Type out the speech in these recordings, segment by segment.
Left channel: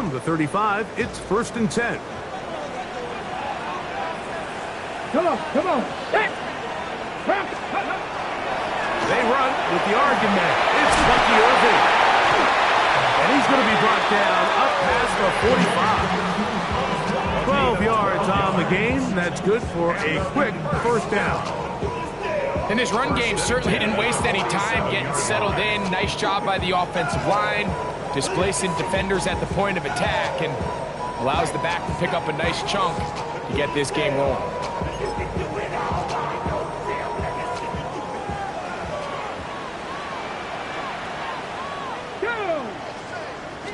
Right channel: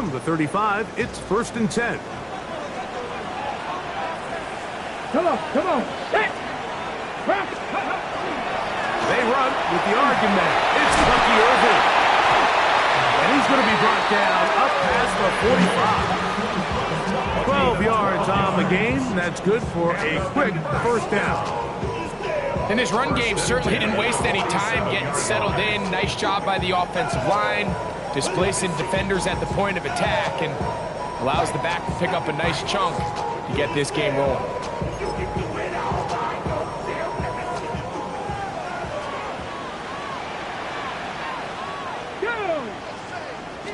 From the 35, it's 1st and 10. Come on. They run with the argument. It's Bucky Irving. And he's going to be brought down up past the 45. 12 yards on the game. That's good for a quick first down. And this run game certainly didn't waste any time getting settled in. Nice job by the offensive line, displacing defenders at the point of attack, and allows the back to pick up a nice chunk to get this game rolling.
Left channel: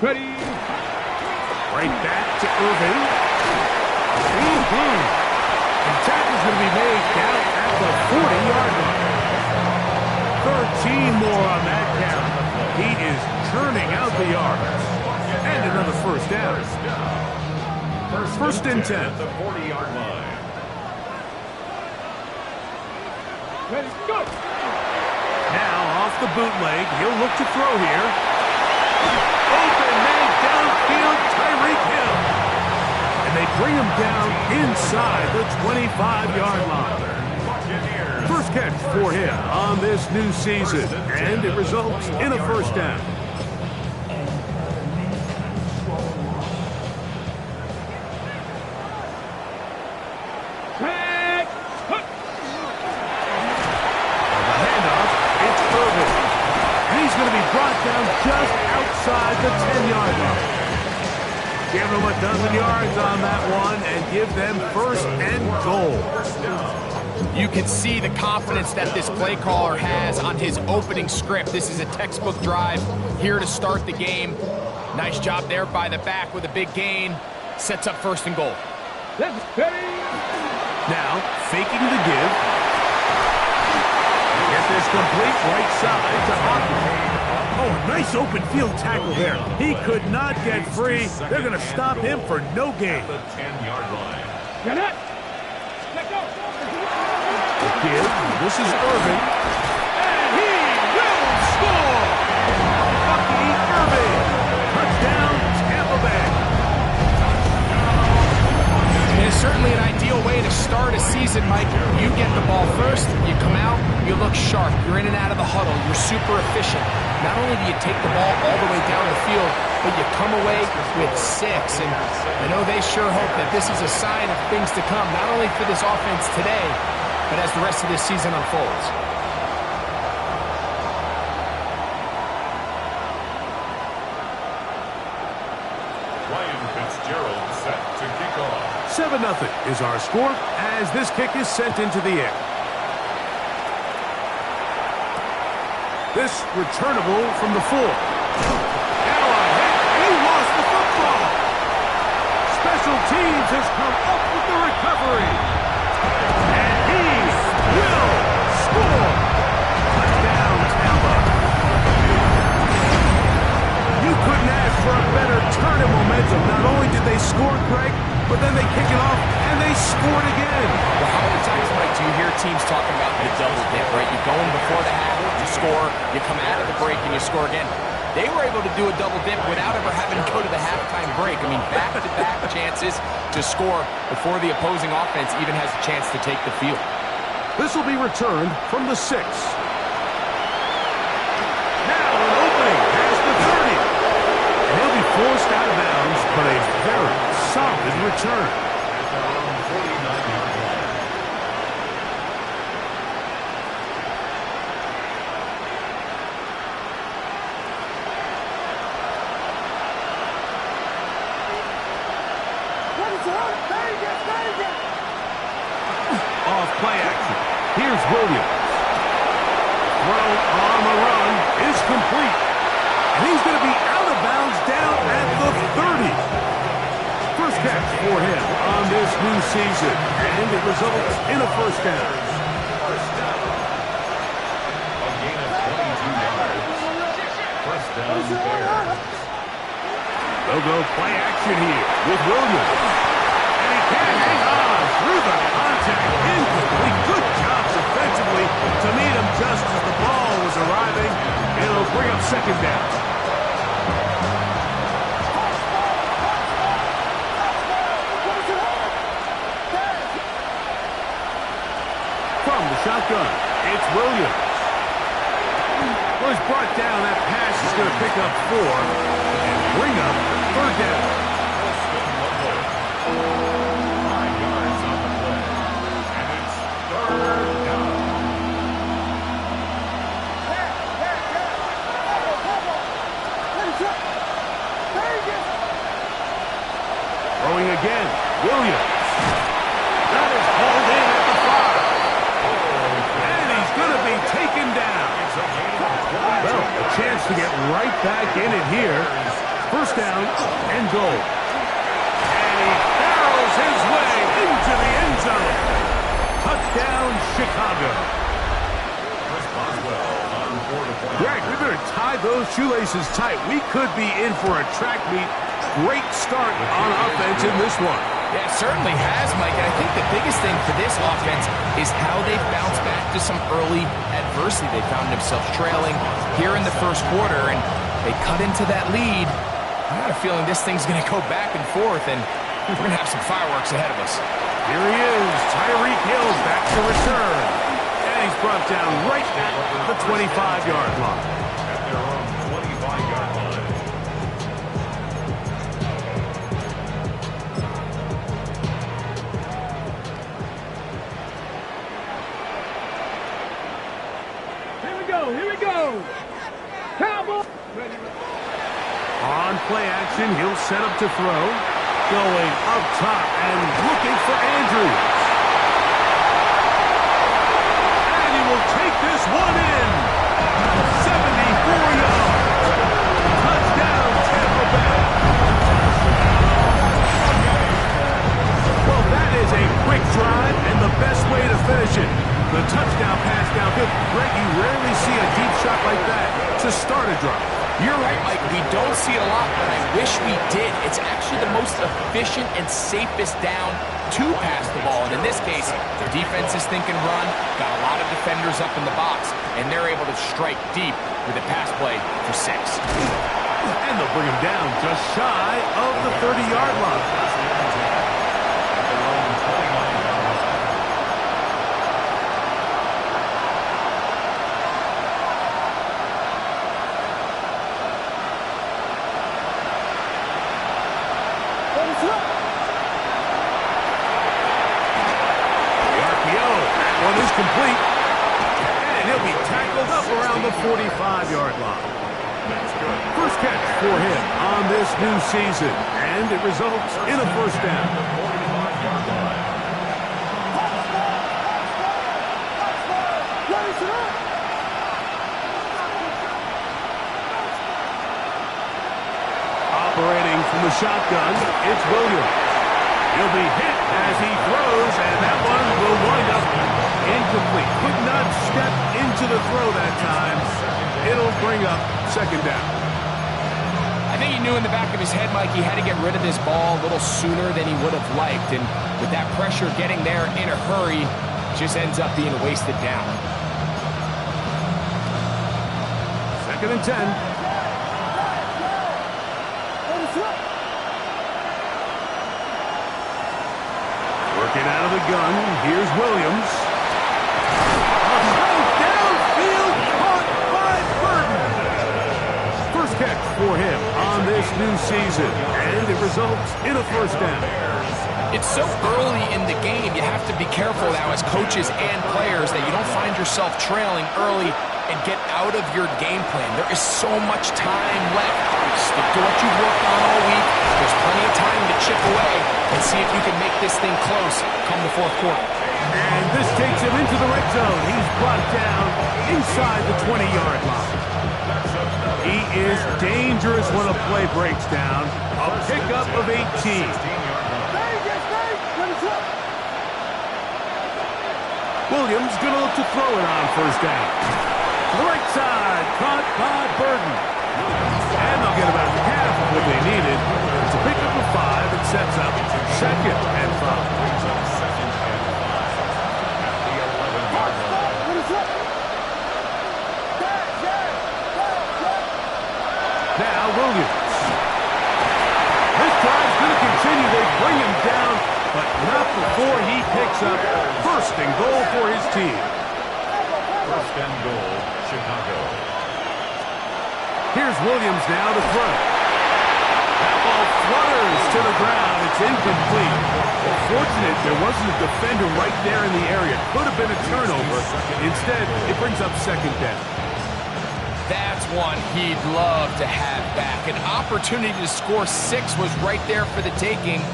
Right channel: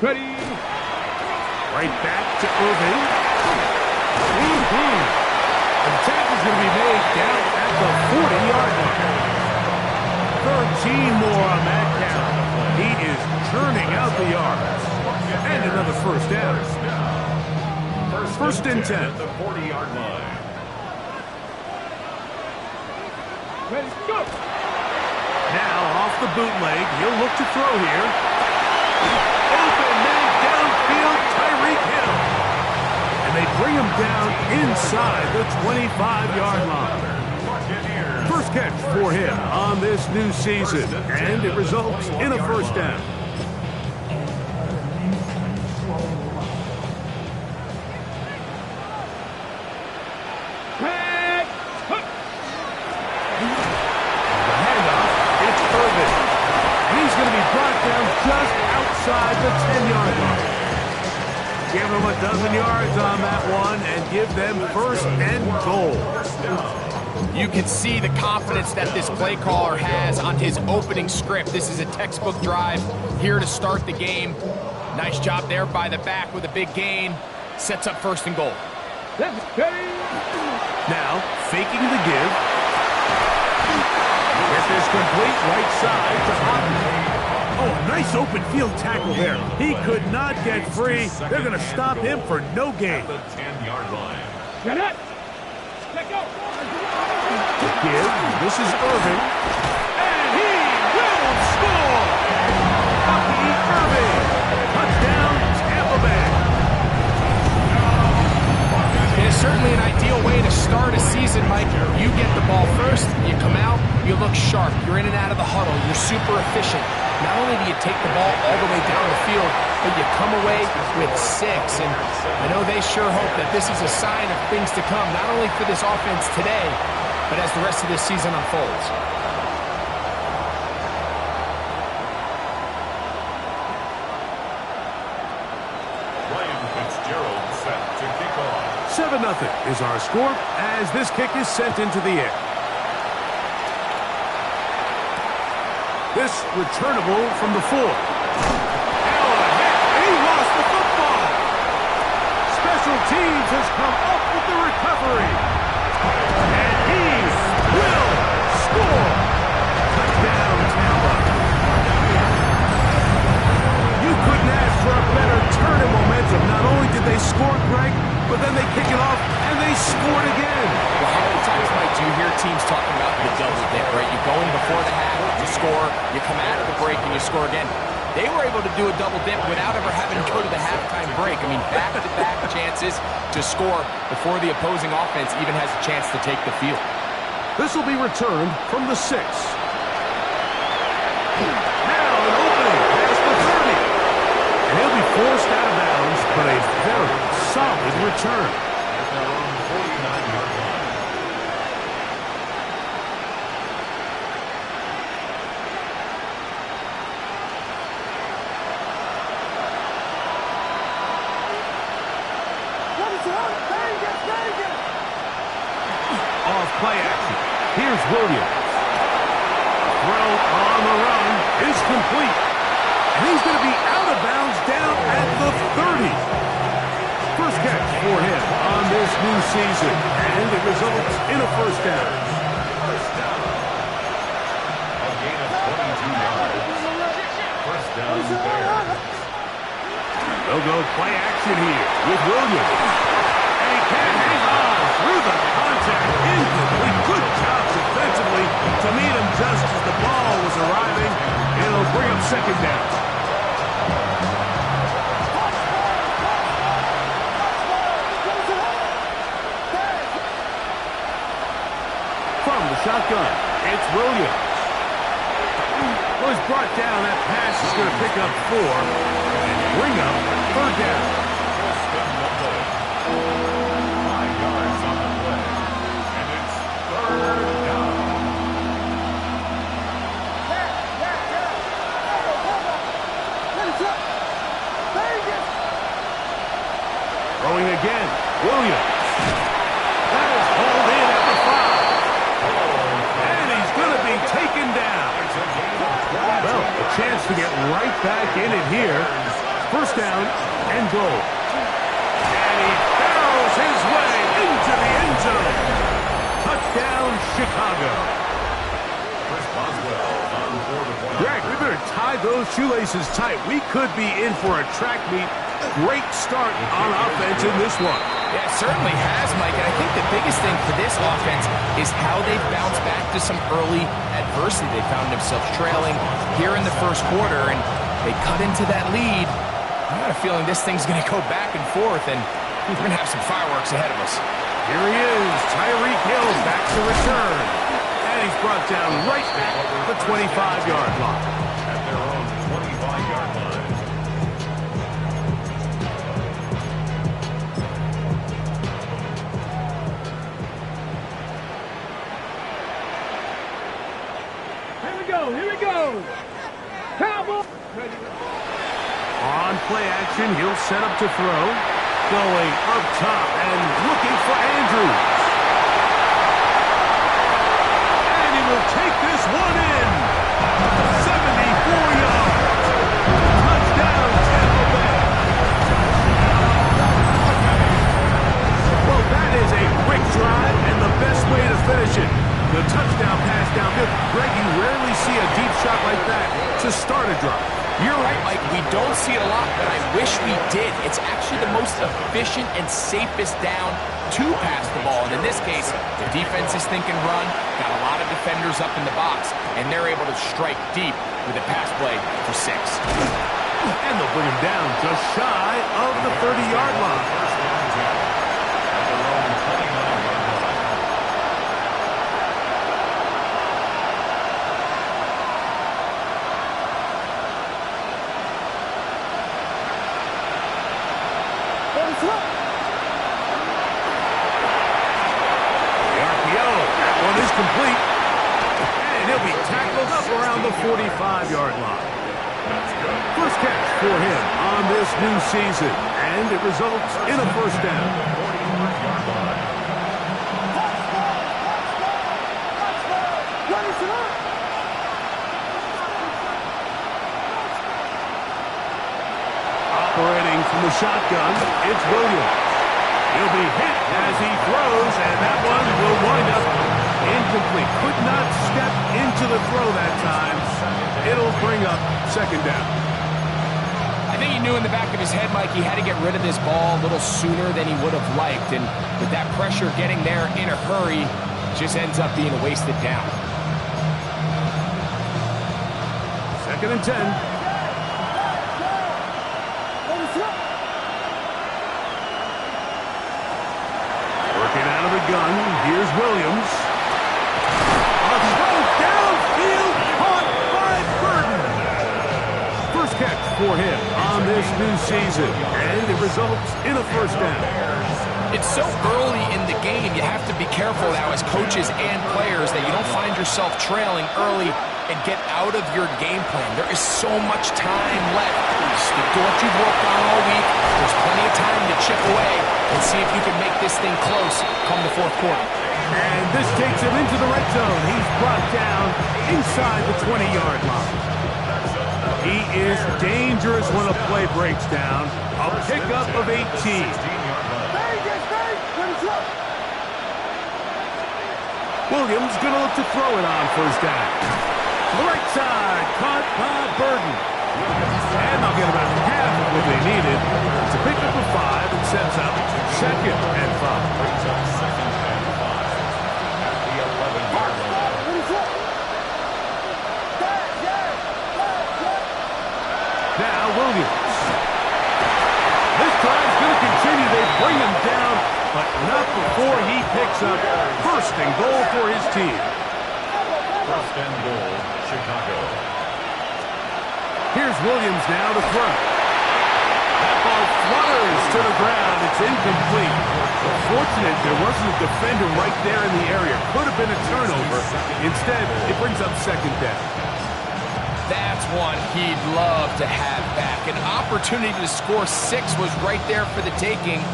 Ready. Right back to Irving. And the tackle's going to be made down at the 40-yard line. 13 more on that count. He is churning out the yards. And another first down. 1st and 10. At the 40-yard line. Ready, go. Now off the bootleg. He'll look to throw here. Open man downfield, Tyreek Hill. And they bring him down inside the 25-yard line. First catch for him on this new season, and it results in a first down. The handoff, it's Irvin. And he's going to be brought down just outside the 10-yard line. Give them a dozen yards on that one and give them 1st and goal. You can see the confidence that this play caller has on his opening script. This is a textbook drive here to start the game. Nice job there by the back with a big gain. Sets up 1st and goal. Now, faking the give. Get this complete right side to Ogden. Oh, a nice open field tackle there. He could not get free. They're going to stop him for no gain. The 10-yard line. Get it. Let go. The give. This is Irving. And he will score. Bucky Irving. Touchdown, Tampa Bay. It is certainly an ideal way to start a season, Mike. You get the ball first, you come out, you look sharp, you're in and out of the huddle, you're super efficient. Not only do you take the ball all the way down the field, but you come away with 6. And I know they sure hope that this is a sign of things to come, not only for this offense today, but as the rest of this season unfolds. Ryan Fitzgerald set to kick off. 7-0 is our score as this kick is sent into the air. This returnable from the 4. Now a hit, and he lost the football. Special teams has come up with the recovery. And he will score. Touchdown, Tampa. You couldn't ask for a better turn in momentum. Not only did they score, Greg, but then they kick it off, and they scored again. Well, how many times, Mike, do you hear teams talking about the double dip, right? You go in before the half, you score, you come out of the break, and you score again. They were able to do a double dip without ever having to go to the halftime break. I mean, back-to-back chances to score before the opposing offense even has a chance to take the field. This will be returned from the 6. Now an opening past the 30. And he'll be forced out of bounds, but a very solid return. At their own 49-yard line. Off play action. Here's Williams. Throw on the run is complete. And he's going to be out of bounds down at the 30. First catch for him on this new season. And it results in a first down. First down. A gain of 22 yards. First down, Bears. They'll go play action here with Williams. And he can't hang on through the contact. Incomplete. Good job defensively to meet him just as the ball was arriving. It'll bring up second down. From the shotgun, it's Williams. Well, he's brought down. That pass is going to pick up 4 and bring up 3rd down. Austin Lovell. 5 yards on the play. And it's 3rd down. Throwing again, Williams. That is hauled in at the 5. And he's going to be taken down. It's a gain of 22 Well, a chance to get right back in it here. 1st down and goal. And he barrels his way into the end zone. Touchdown, Chicago. Chris Boswell on board the point. Greg, we better tie those shoelaces tight. We could be in for a track meet. Great start on offense in this one. Yeah, it certainly has, Mike. And I think the biggest thing for this offense is how they've bounced back to some early adversity. They found themselves trailing here in the 1st quarter, and they cut into that lead. I got a feeling this thing's going to go back and forth, and we're going to have some fireworks ahead of us. Here he is, Tyreek Hill back to return. And he's brought down right at the 25-yard line. At their own 25-yard line. Here we go. Cowboy. On play action, he'll set up to throw. Going up top and looking for Andrews. And he will take this one in. 74 yards. Touchdown, Tampa Bay. Well, that is a quick drive and the best way to finish it. The touchdown pass downfield. Greg, you rarely see a deep shot like that to start a drive. You're right, Mike. We don't see it a lot, but I wish we did. It's actually the most efficient and safest down to pass the ball. And in this case, the defense is thinking run, got a lot of defenders up in the box, and they're able to strike deep with a pass play for 6. And they'll bring him down just shy of the 30-yard line. First down and 10. At their own 29-yard line. The RPO, that one is complete. And he'll be tackled up around the 45-yard line. That's good. First catch for him on this new season. And it results in a 1st down. The 45-yard line. Operating from the shotgun, it's Williams. He'll be hit as he throws, and that one will wind up incomplete. Could not step into the throw that time. It'll bring up 2nd down. I think he knew in the back of his head, Mike, he had to get rid of this ball a little sooner than he would have liked. And with that pressure getting there in a hurry, just ends up being a wasted down. 2nd and 10. Working out of the gun, here's Williams. A throw downfield, caught by Burton. First catch for him on this new season, and it results in a 1st down. It's so early in the game, you have to be careful now as coaches and players that you don't find yourself trailing early and get out of your game plan. There is so much time left. Stick to what you've worked on all week. There's plenty of time to chip away and see if you can make this thing close come the 4th quarter. And this takes him into the red zone. He's brought down inside the 20-yard line. He is dangerous when a play breaks down. A pickup of 18. Williams going to look to throw it on 1st down. To the right side, caught by Burton. And they'll get about half of what they needed. It's a pickup of 5 and sets up 2nd and 5. Brings up 2nd and 5 at the 11-yard line. Now Williams. This drive's going to continue. They bring him down but not before he picks up first and goal for his team. First and goal, Chicago. Here's Williams now to throw. That ball flutters to the ground. It's incomplete. Fortunate there wasn't a defender right there in the area. Could have been a turnover. Instead, it brings up second down. That's one he'd love to have back. An opportunity to score 6 was right there for the taking.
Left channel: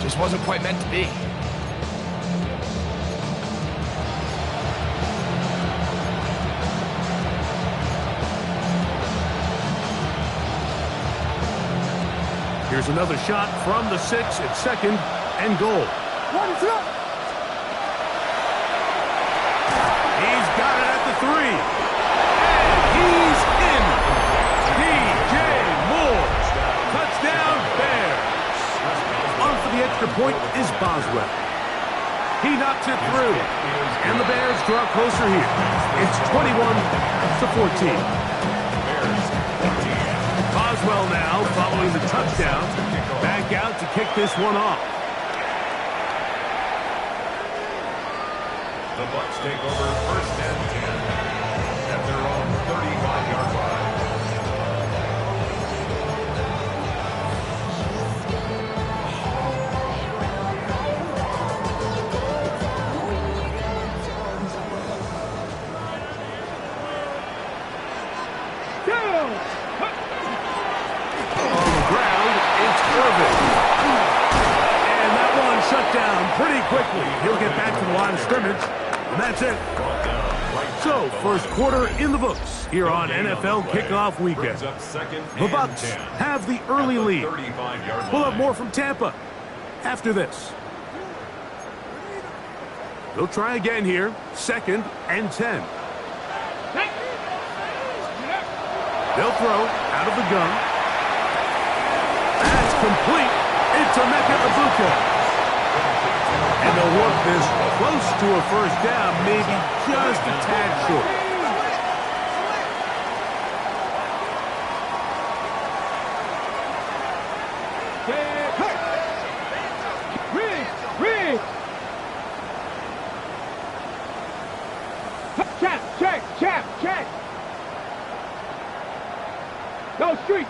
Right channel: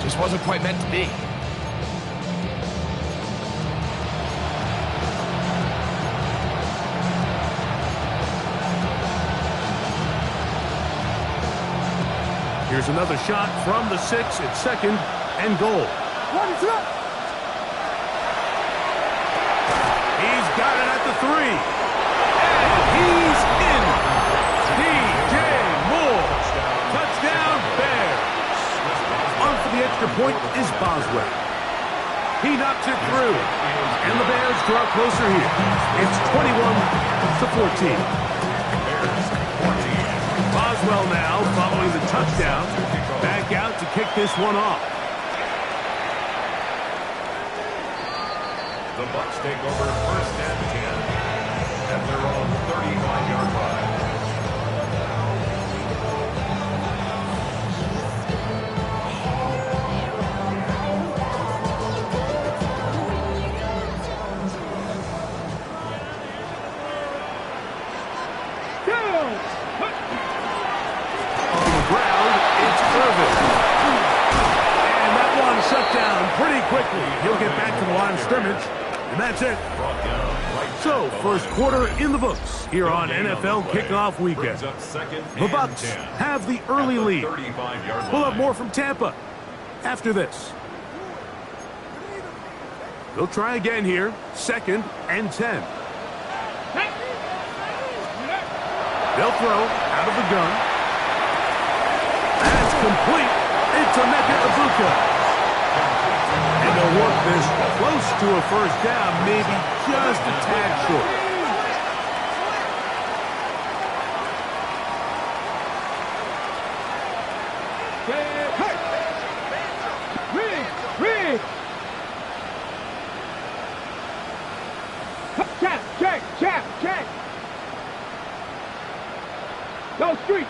Just wasn't quite meant to be. Here's another shot from the 6 at second and goal. He's got it at the 3. And he's in. DJ Moore. Touchdown, Bears. On for the extra point is Boswell. He knocks it through. And the Bears draw closer here. It's 21-14. Boswell now following the touchdown. Back out to kick this one off. The Bucs take over first and 10 at their own 35-yard line. And that one shut down pretty quickly. He'll get back to the line of scrimmage, and that's it. So, first quarter in the books here on NFL Kickoff Weekend. The Bucs have the early lead. We'll have more from Tampa after this. They'll try again here, second and 10. They'll throw out of the gun. That's complete. It's Emeka Egbuka. And they'll work this close to a first down, maybe just a tad short. Riggs! Check! Go street!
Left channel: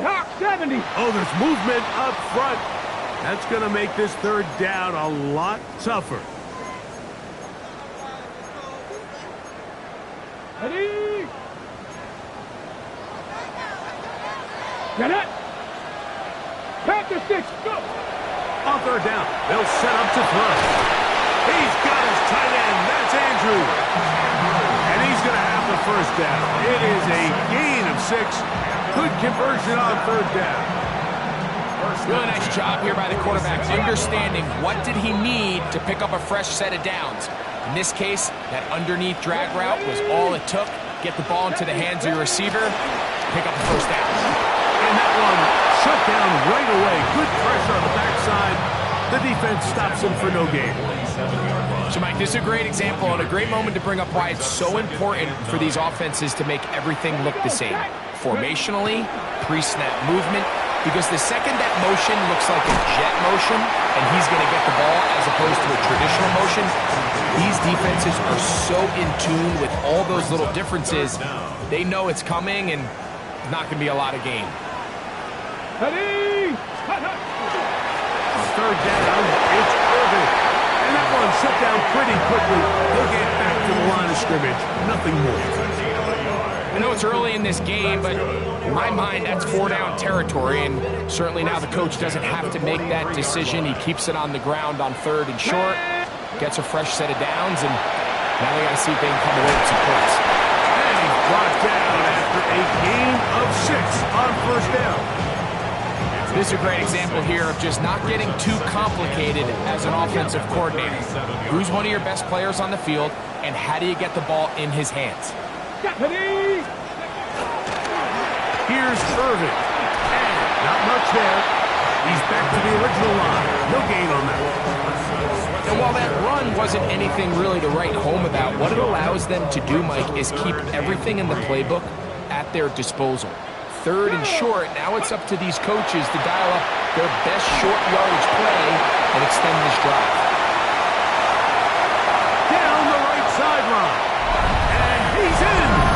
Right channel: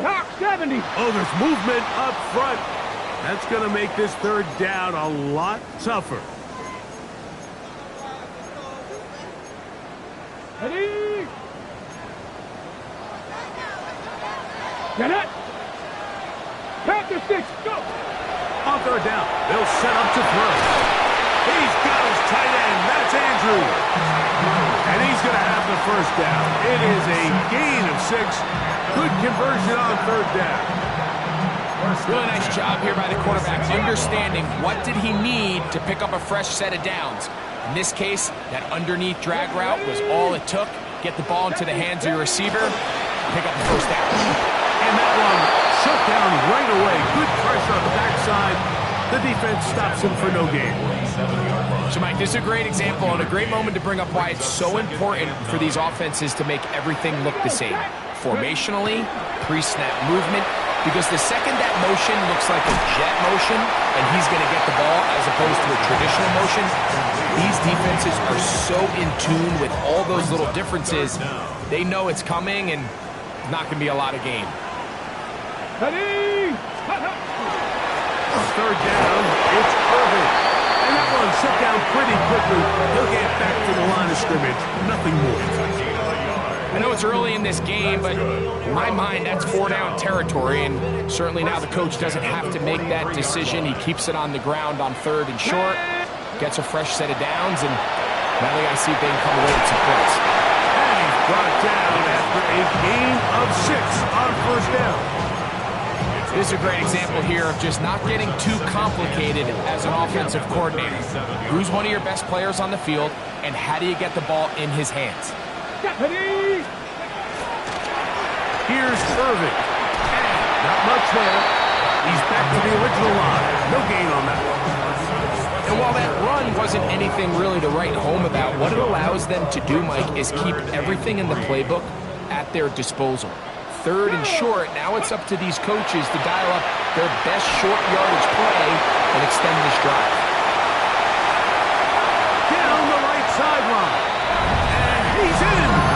Hawk 70. Oh, there's movement up front. That's going to make this third down a lot tougher. Ready? Get it. Panther 6, go. On third down, they'll set up to throw. He's got his tight end. That's Andrew. And he's going to have the first down. It is a gain of 6. Good conversion on third down. Really nice job here by the quarterback, understanding what did he need to pick up a fresh set of downs. In this case, that underneath drag route was all it took. Get the ball into the hands of your receiver, pick up the first down. And that one shut down right away. Good pressure on the backside. The defense stops him for no gain. So, Mike, this is a great example and a great moment to bring up why it's so important for these offenses to make everything look the same. Formationally, pre-snap movement, because the second that motion looks like a jet motion and he's going to get the ball as opposed to a traditional motion, these defenses are so in tune with all those little differences, they know it's coming and not going to be a lot of gain. Ready? On third down, it's Irvin. And that one shut down pretty quickly. He'll get back to the line of scrimmage. Nothing more. I know it's early in this game, but in my mind, that's 4-down territory, and certainly now the coach doesn't have to make that decision. He keeps it on the ground on third and short, gets a fresh set of downs, and now they got to see if they can come away with some points. And he's brought down after a gain of 6 on first down. This is a great example here of just not getting too complicated as an offensive coordinator. Who's one of your best players on the field, and how do you get the ball in his hands? Here's Irvin. And not much there. He's back to the original line. No gain on that. And while that run wasn't anything really to write home about, what it allows them to do, Mike, is keep everything in the playbook at their disposal. Third and short, now it's up to these coaches to dial up their best short yardage play and extend this drive. Down the right sideline. And he's in.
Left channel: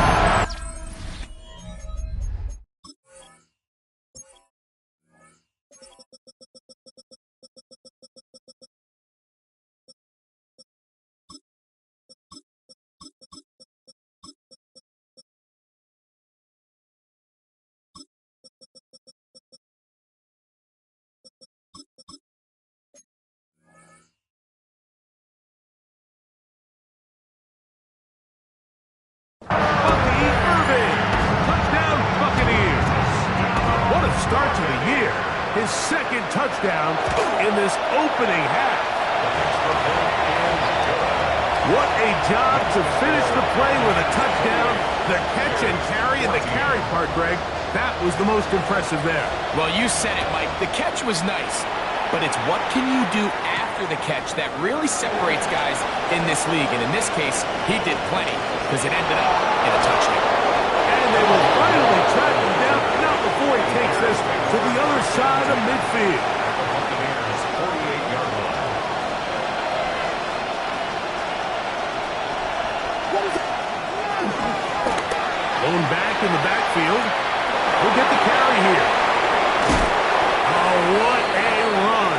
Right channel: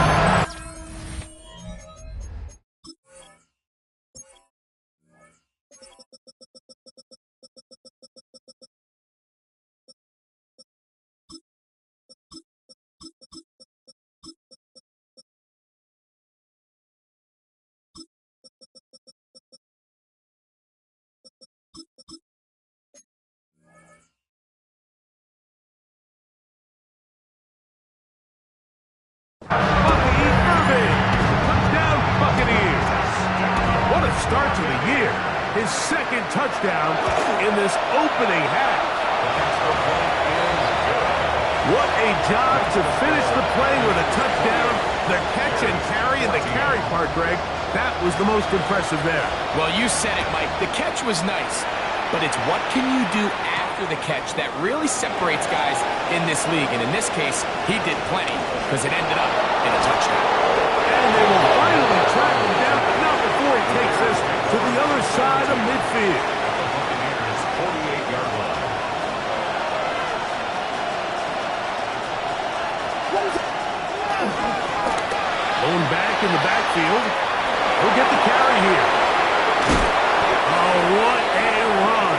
Bucky Irving. Touchdown, Buccaneers. What a start to the year. His second touchdown in this opening half. The extra point is good. What a job to finish the play with a touchdown. The catch and carry, and the carry part, Greg, that was the most impressive there. Well, you said it, Mike. The catch was nice, but it's what can you do after the catch that really separates guys in this league. And in this case, he did plenty because it ended up in a touchdown. And they will finally track him down, not before he takes this to the other side of midfield. At the Buccaneers' 48-yard line. Going back in the backfield. He'll get the carry here. Oh, what a run.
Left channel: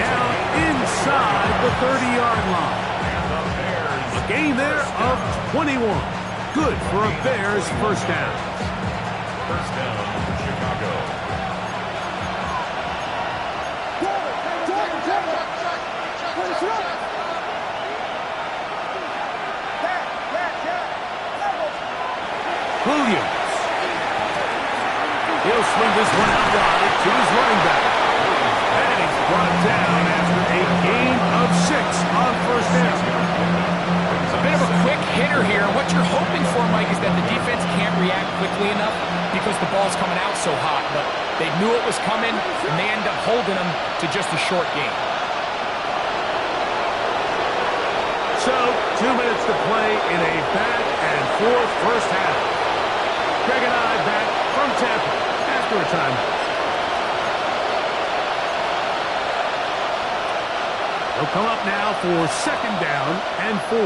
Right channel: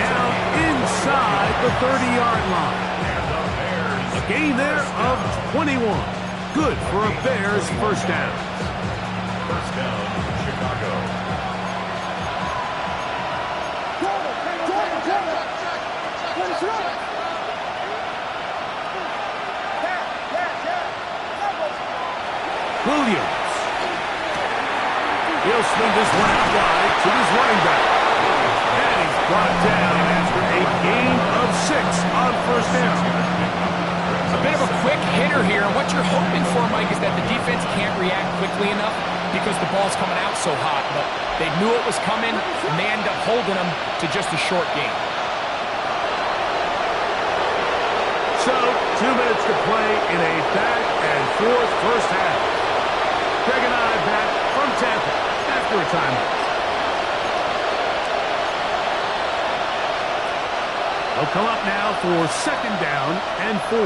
Down inside the 30-yard line. And the Bears. A gain there of 21. Good for a Bears first down. First down, Chicago. Williams. He'll swing this one out wide to his running back. And he's brought down after a gain of 6 on first down. A bit of a quick hitter here. What you're hoping for, Mike, is that the defense can't react quickly enough because the ball's coming out so hot. But they knew it was coming, and they end up holding them to just a short gain. So, 2 minutes to play in a back-and-forth first half. Greg and I back from Tampa after a timeout. They'll come up now for second down and 4.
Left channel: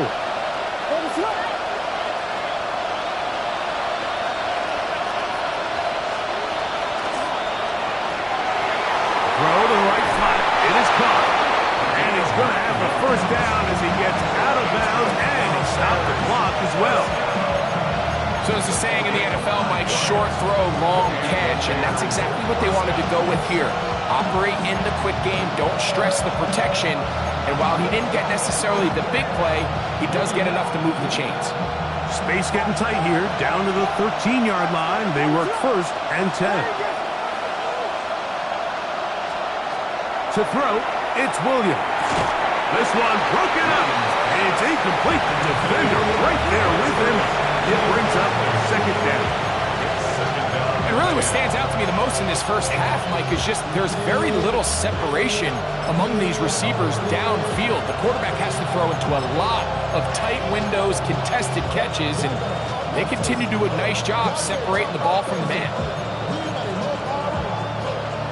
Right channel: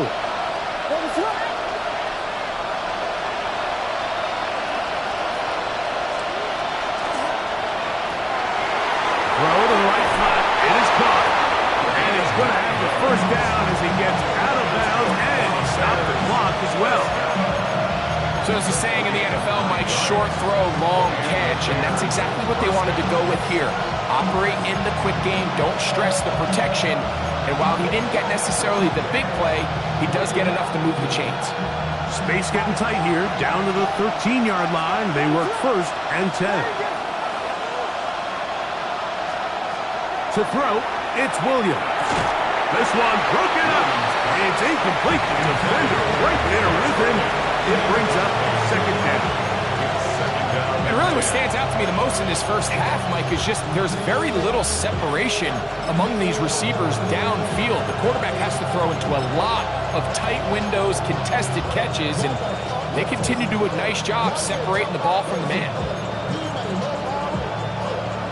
Throw to the right flat. It is caught. And he's going to have the first down as he gets out of bounds, and he stopped the clock as well. So as the saying in the NFL, Mike, short throw, long catch, and that's exactly what they wanted to go with here. Operate in the quick game, don't stress the protection, and while he didn't get necessarily the big play, he does get enough to move the chains. Space getting tight here, down to the 13-yard line. They work first and 10. To throw, it's Williams. This one broken up. It's incomplete. The defender right there with him. It brings up second down. And really what stands out to me the most in this first half, Mike, is just there's very little separation among these receivers downfield. The quarterback has to throw into a lot of tight windows, contested catches, and they continue to do a nice job separating the ball from the man.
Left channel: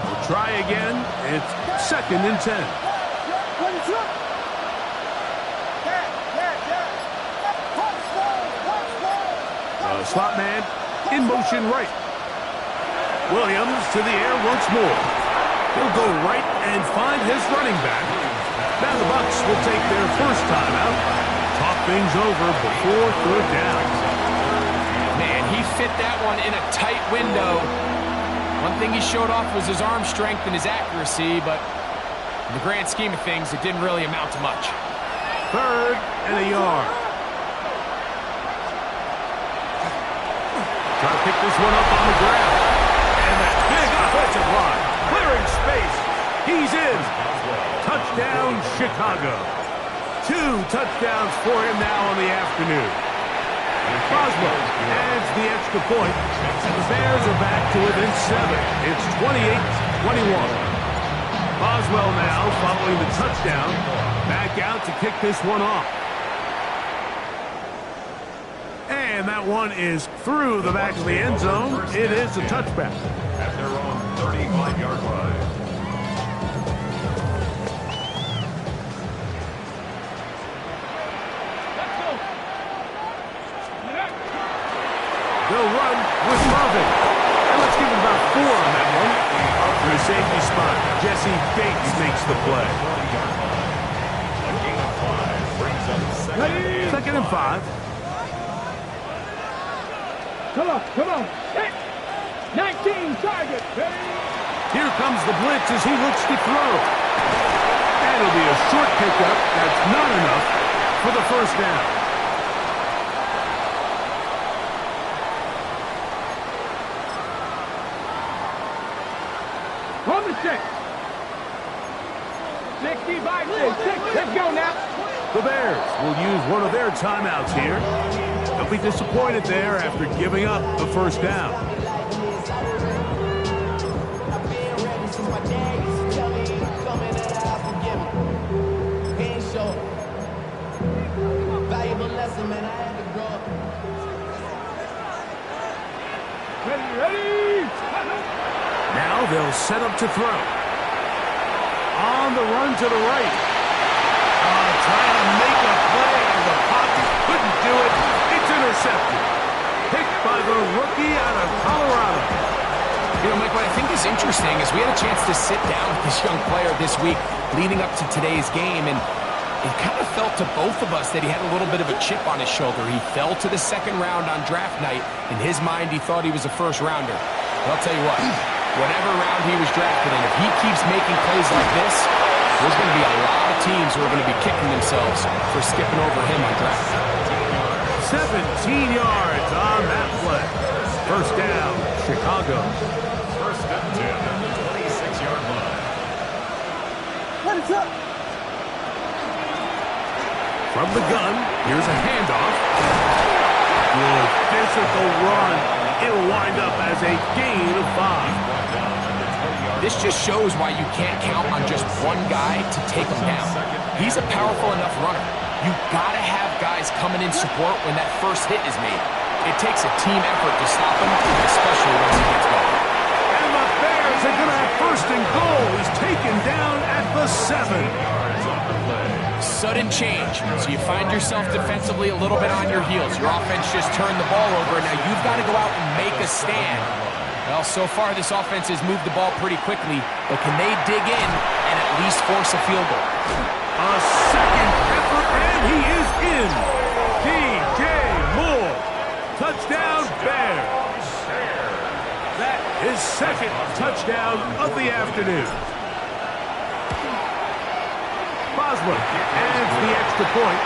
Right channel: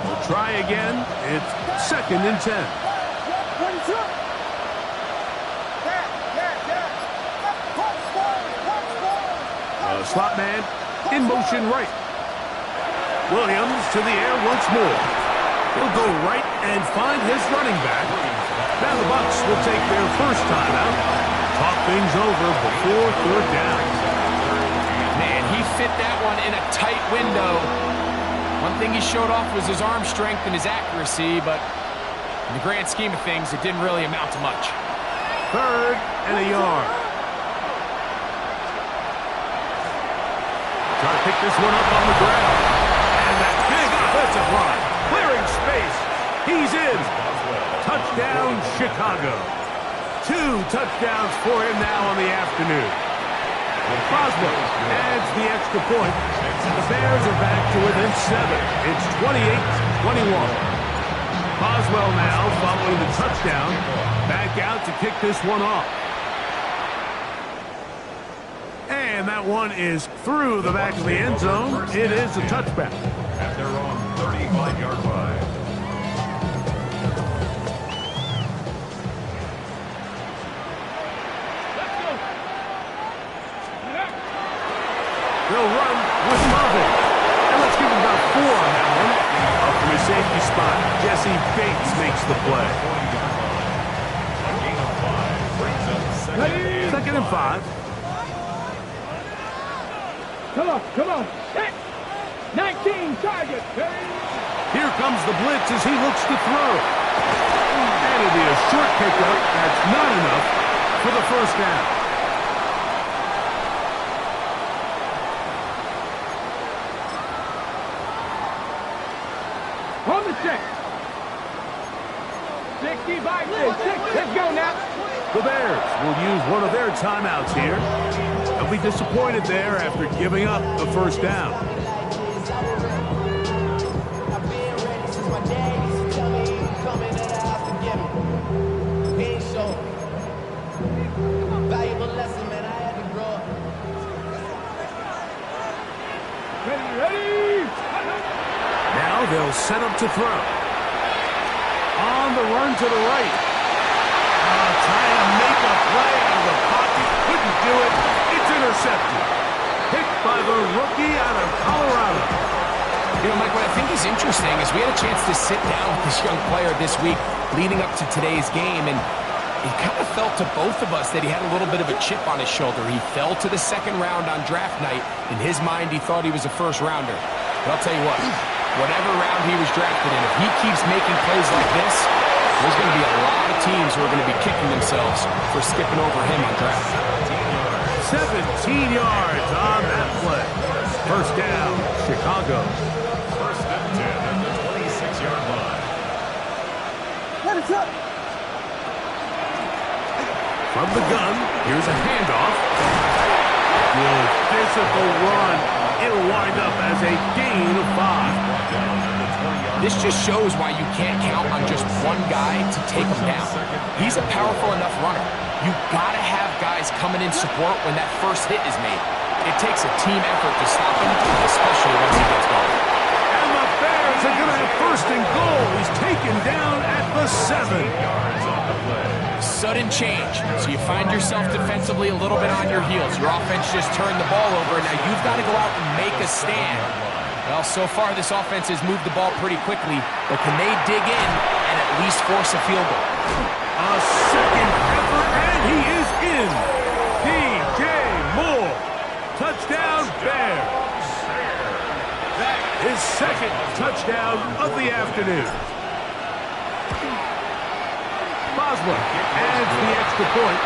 We'll try again. It's second and 10. Slot man in motion right. Williams to the air once more. He'll go right and find his running back. Now the Bucs will take their first timeout. Talk things over before third down. Man, he fit that one in a tight window. One thing he showed off was his arm strength and his accuracy, but in the grand scheme of things, it didn't really amount to much. Third and a yard. Try to pick this one up on the ground. And that big offensive line clearing space. He's in. Touchdown, Chicago. 2 touchdowns for him now on the afternoon. Boswell adds the extra point, and the Bears are back to within 7. It's 28-21. Boswell now following the touchdown. Back out to kick this one off. And that one is through the back of the end zone. It is a touchback. At their own 35-yard line. Let's go. They'll run with Murphy. And let's give him about 4 on that one. Up from the safety spot, Jesse Bates makes the play. 20-yard line. A gain of 5 brings up Second and 5. Come on. Set. 19 target. Here comes the blitz as he looks to throw. And it'll be a short pickup. That's not enough for the first down. On the set. 65, 6. Let's go now. The Bears will use one of their timeouts here. They'll be disappointed there after giving up the first down. Ready. Now they'll set up to throw. On the run to the right. Trying to make a play out of the pocket. Couldn't do it. It's intercepted. Picked by the rookie out of Colorado. You know, Mike, what I think is interesting is we had a chance to sit down with this young player this week leading up to today's game, and it kind of felt to both of us that he had a little bit of a chip on his shoulder. He fell to the second round on draft night. In his mind, he thought he was a first-rounder. But I'll tell you what, whatever round he was drafted in, if he keeps making plays like this, there's going to be a lot of teams who are going to be kicking themselves for skipping over him on draft. 17 yards on that play. First down, Chicago. First and 10 at the 26-yard line. What is up? From the gun, here's a handoff. Good physical run. It'll wind up as a gain of 5. Brought down at the 20-yard This just shows why you can't count on just one guy to take him down. He's a powerful enough runner. You gotta have guys coming in support when that first hit is made. It takes a team effort to stop him, especially once he gets going. And the Bears are going to have first and goal. He's taken down at the 7. yards on the play. Sudden change. So you find yourself defensively a little bit on your heels. Your offense just turned the ball over, and now you've got to go out and make a stand. Well, so far this offense has moved the ball pretty quickly, but can they dig in and at least force a field goal? A second effort, and he is in. DJ Moore. Touchdown, Bears. That is second touchdown of the afternoon. Boswell adds the extra point,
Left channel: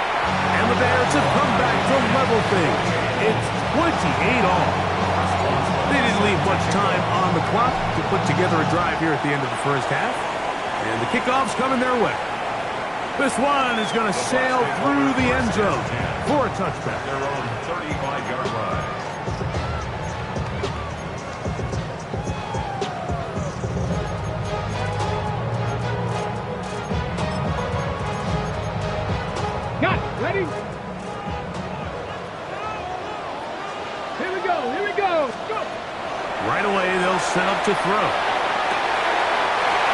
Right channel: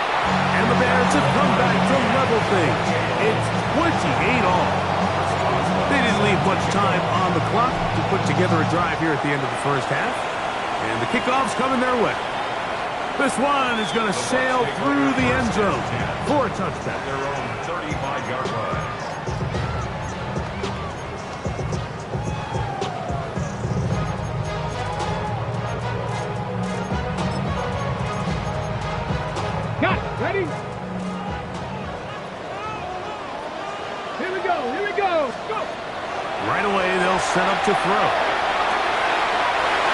and the Bears have come back to level things. It's 28 all. They didn't leave much time on the clock to put together a drive here at the end of the first half, and the kickoff's coming their way. This one is going to sail through the end zone for a touchback. Their own 35-yard line. Got it. Ready? Here we go. Go. Right away, they'll set up to throw.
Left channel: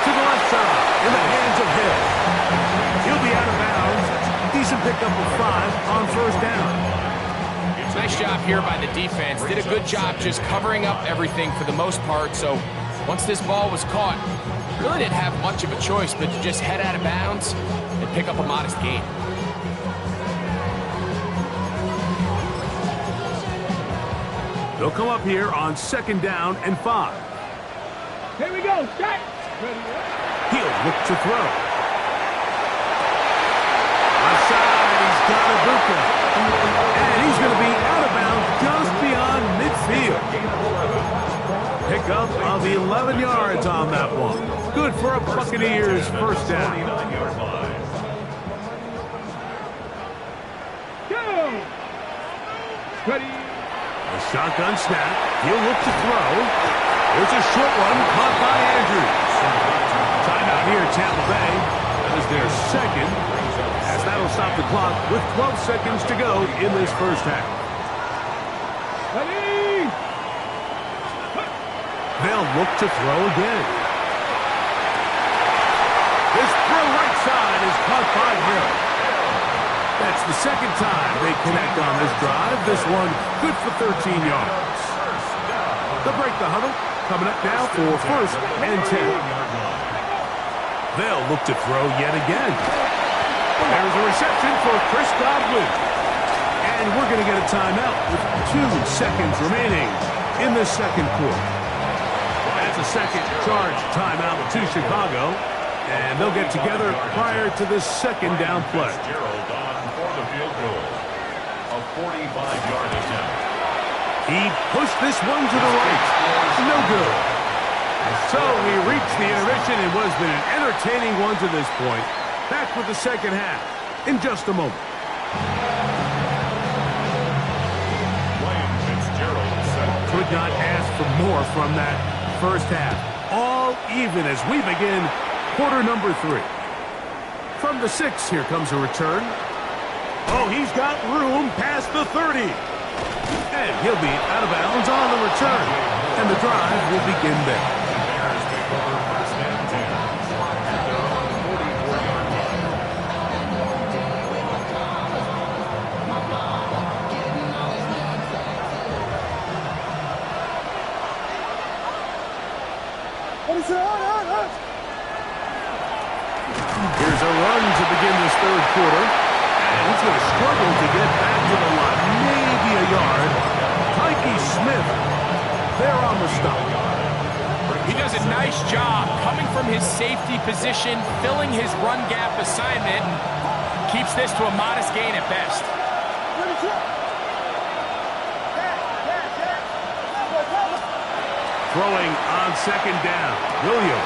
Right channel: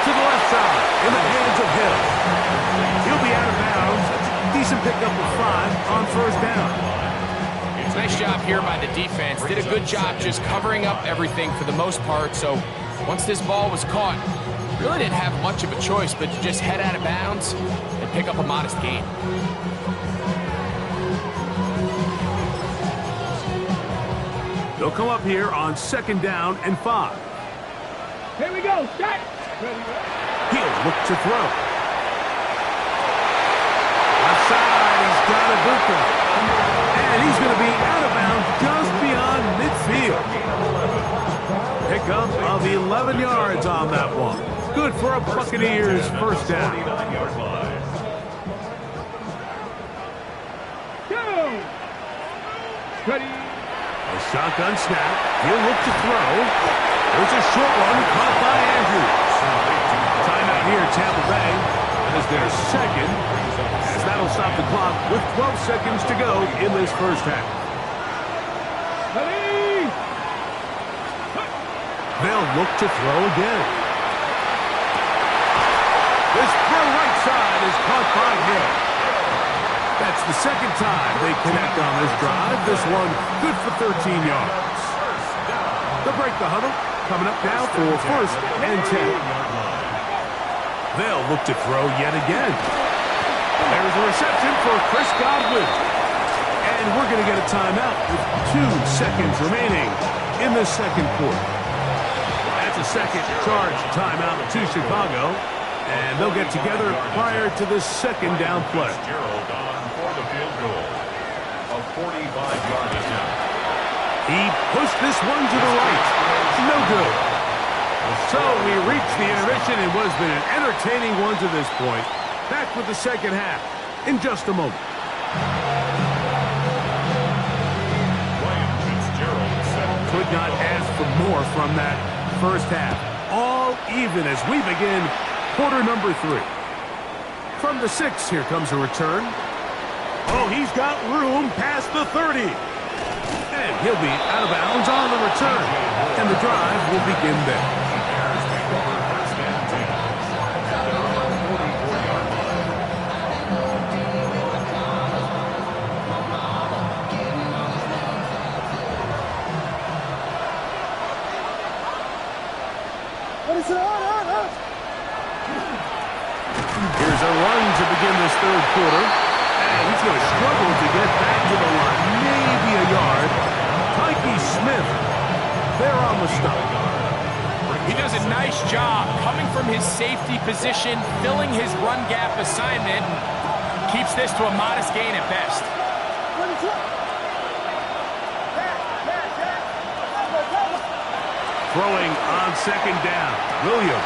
To the left side, in the hands of Hill. He'll be out of bounds. Decent pickup of 5 on first down. Nice job here by the defense. Did a good job just covering up everything for the most part. So once this ball was caught, really didn't have much of a choice but to just head out of bounds and pick up a modest gain. They'll come up here on second down and 5. Here we go. Shot. Ready. He'll look to throw. Left side, he's got Ibuka. And he's going to be out of bounds just beyond midfield. Pickup of 11 yards on that one. Good for a Buccaneers first down. 49-yard line. Go. Ready. A shotgun snap. He'll look to throw. There's a short one caught by Andrews. Timeout here, Tampa Bay. That is their second, as that'll stop the clock with 12 seconds to go in this first half. Ready? They'll look to throw again. This throw right side is caught by Hill. That's the second time they connect on this drive. This one good for 13 yards. They'll break the huddle. Coming up now for first and 10. They'll look to throw yet again. There's a reception for Chris Godwin. And we're going to get a timeout with 2 seconds remaining in the second quarter. That's a second charge timeout to Chicago. And they'll get together prior to the second down play. Gerald on for the field goal. A 45-yard attempt. He pushed this one to the right. No good. So we reached the intermission. It was been an entertaining one to this point. Back with the second half in just a moment. Ryan Fitzgerald set. Could not ask for more from that first half. All even as we begin quarter number 3. From the 6, here comes a return. Oh, he's got room past the 30. And he'll be out of bounds on the return. And the drive will begin there. The Bears take over first and 10 at their own 44-yard line. Here's a run to begin this third quarter. And he's going to struggle to get back to the line. Maybe a yard. Tyke Smith there on the stop. He does a nice job coming from his safety position, filling his run gap assignment, and keeps this to a modest gain at best. Throwing on second down. Williams.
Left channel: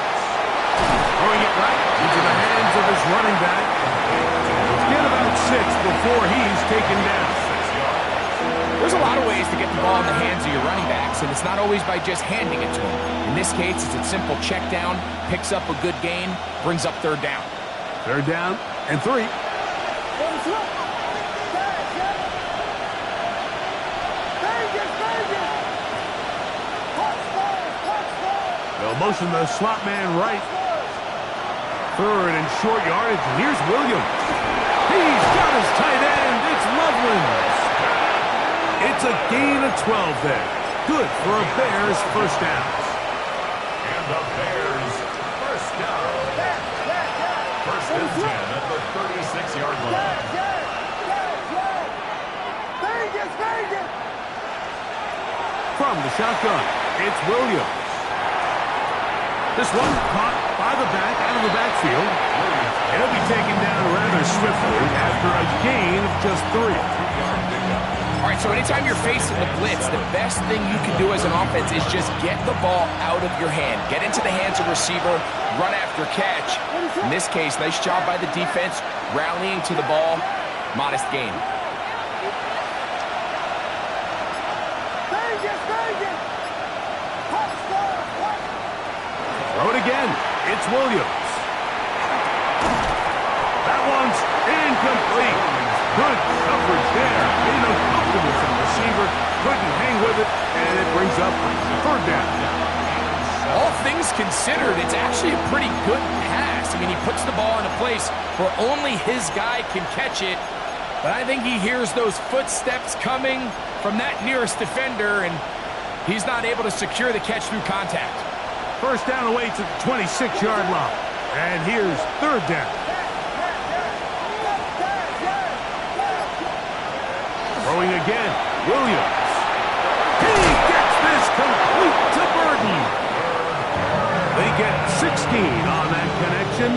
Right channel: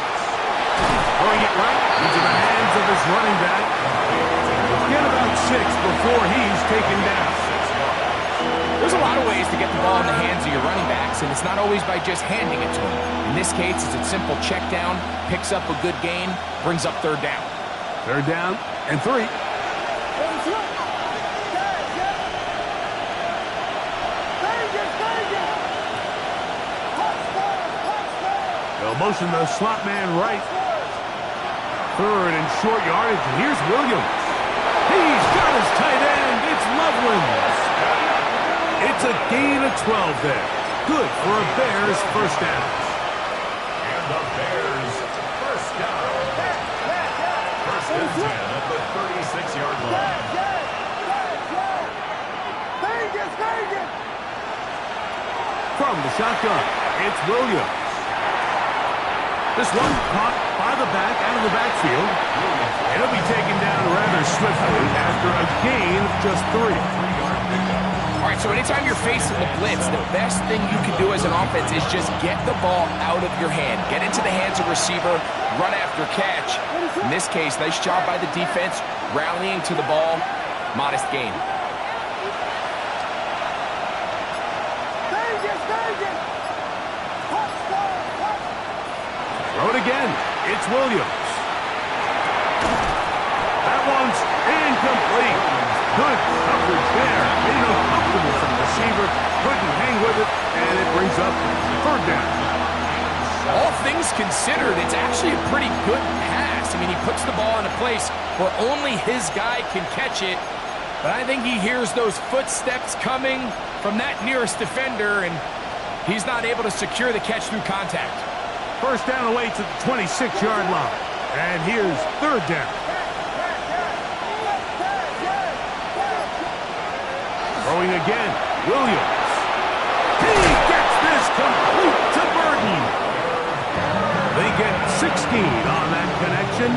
Throwing it right into the hands of his running back. Get about 6 before he's taken down. There's a lot of ways to get the ball in the hands of your running backs, and it's not always by just handing it to them. In this case, it's a simple check down, picks up a good gain, brings up third down. Third down and 3. They'll motion the slot man right. Third and short yardage, and here's Williams. He's got his tight end. It's Loveland. It's a gain of 12 there. Good for a Bears first down. And the Bears first down. First and 10 at the 36-yard line. From the shotgun, it's Williams. This one caught by the back out of the backfield. And he'll be taken down rather swiftly after a gain of just 3. 3-yard pickup. All right, so anytime you're facing the blitz, the best thing you can do as an offense is just get the ball out of your hand. Get into the hands of receiver, run after catch. In this case, nice job by the defense, rallying to the ball, modest gain. Throw it again. It's Williams. That one's incomplete. Good coverage there. Made him comfortable for the receiver. Couldn't hang with it, and it brings up third down. All things considered, it's actually a pretty good pass. I mean, he puts the ball in a place where only his guy can catch it. But I think he hears those footsteps coming from that nearest defender, and he's not able to secure the catch through contact. First down away to the 26-yard line. And here's third down. Throwing again, Williams. He gets this complete to Burton. They get 16 on that connection.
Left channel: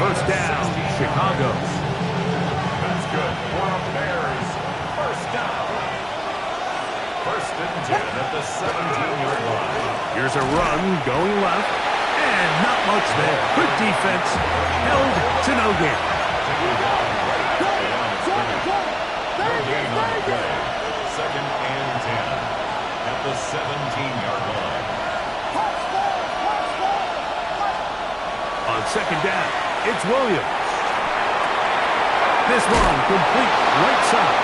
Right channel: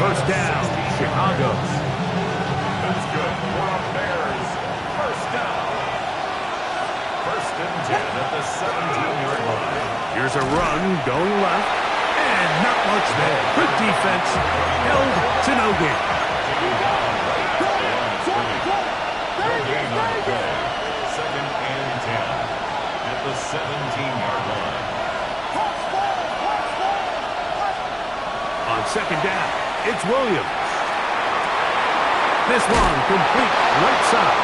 First down, Chicago. That's good for a Bears first down. First and 10 at the 17-yard line. Here's a run going left, and not much there. Good defense, held to no gain. Taking down right at the line of scrimmage. No gain on the play. Second and 10 at the 17-yard line. On On second down, it's Williams. This one complete right side.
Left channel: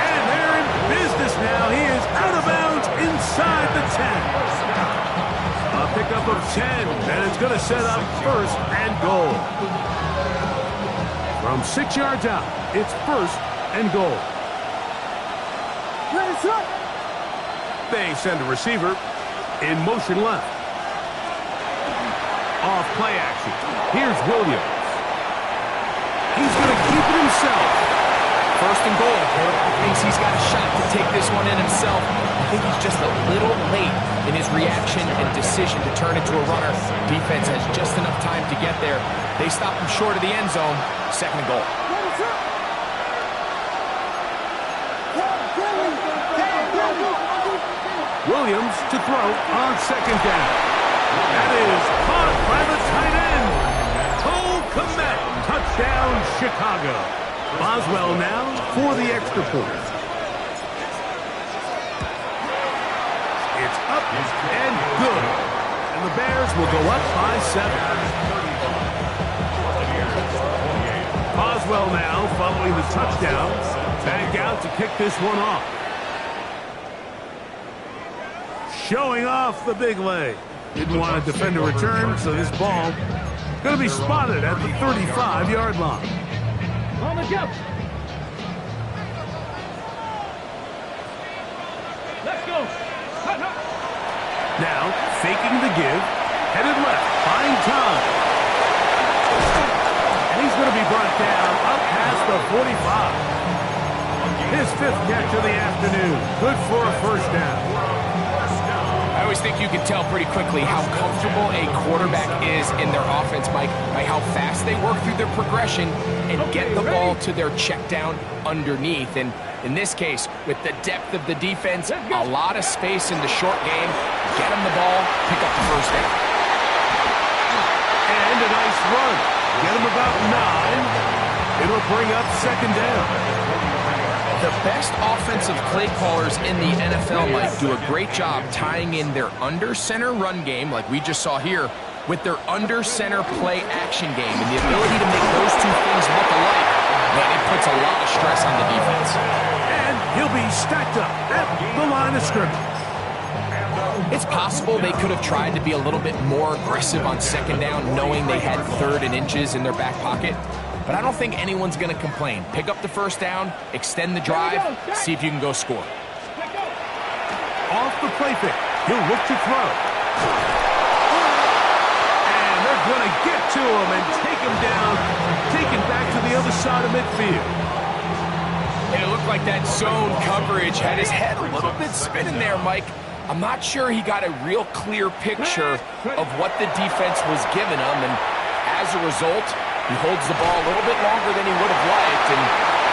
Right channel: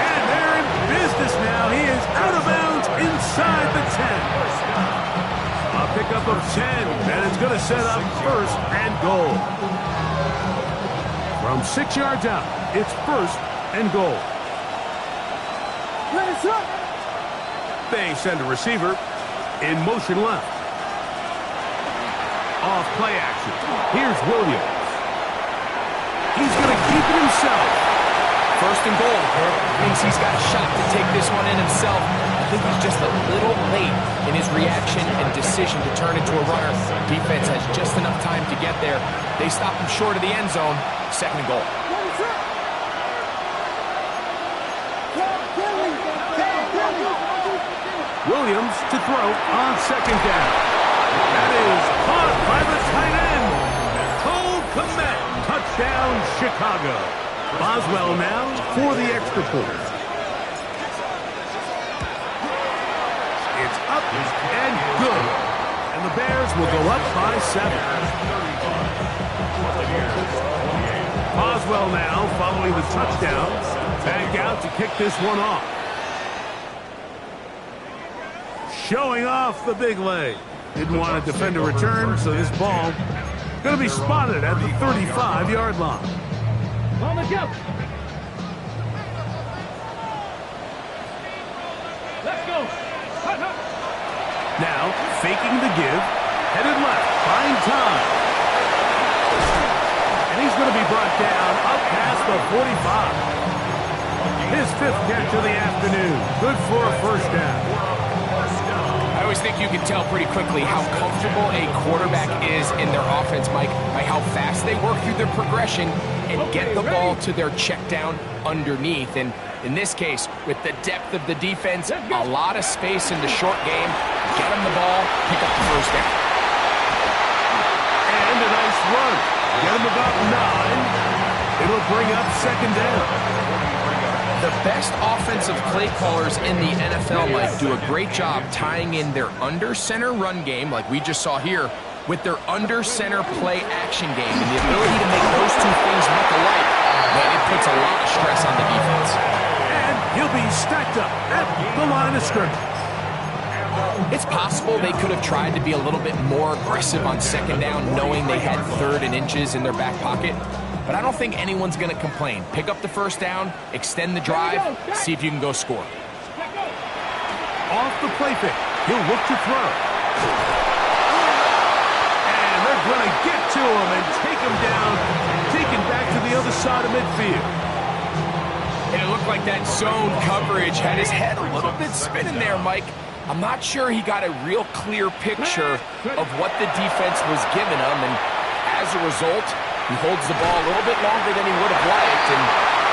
And they're in business now. He is out of bounds inside the 10. A pickup of 10, and it's going to set up first and goal. From 6 yards out, it's first and goal. They send a receiver in motion left. Off play action. Here's Williams. He's going to keep it himself. First and goal. Thinks he's got a shot to take this one in himself. I think he's just a little late in his reaction and decision to turn into a runner. Defense has just enough time to get there. They stop him short of the end zone. Second and goal. Williams to throw on second down. That is caught by the tight end. Cole Kmet. Touchdown, Chicago. Boswell now for the extra point. It's up and good. And the Bears will go up by 7. Boswell now following the touchdown. Back out to kick this one off. Showing off the big leg. Didn't want to defend a return, so this ball going to be spotted at the 35-yard line. On the jump. Let's go. Hut, hut. Now, faking the give, headed left, buying time. And he's going to be brought down up past the 45. His 5th catch of the afternoon. Good for a first down. I always think you can tell pretty quickly how comfortable a quarterback is in their offense, Mike, by how fast they work through their progression and get the ball to their check down underneath. And in this case, with the depth of the defense, a lot of space in the short game, get them the ball, pick up the first down. And a nice run. Get him about 9. It'll bring up second down. The best offensive play callers in the NFL, Mike, do a great job tying in their under-center run game, like we just saw here, with their under-center play action game. And the ability to make those two things look alike, man, it puts a lot of stress on the defense. And he'll be stacked up at the line of scrimmage. It's possible they could have tried to be a little bit more aggressive on second down, knowing they had 3rd and inches in their back pocket. But I don't think anyone's going to complain. Pick up the first down, extend the drive, see if you can go score. Off the play fake, he'll look to throw. And they're going to get to him and take him down, taken back to the other side of midfield. And it looked like that zone coverage had his head a little bit spinning there, Mike. I'm not sure he got a real clear picture of what the defense was giving him, and as a result, he holds the ball a little bit longer than he would have liked, and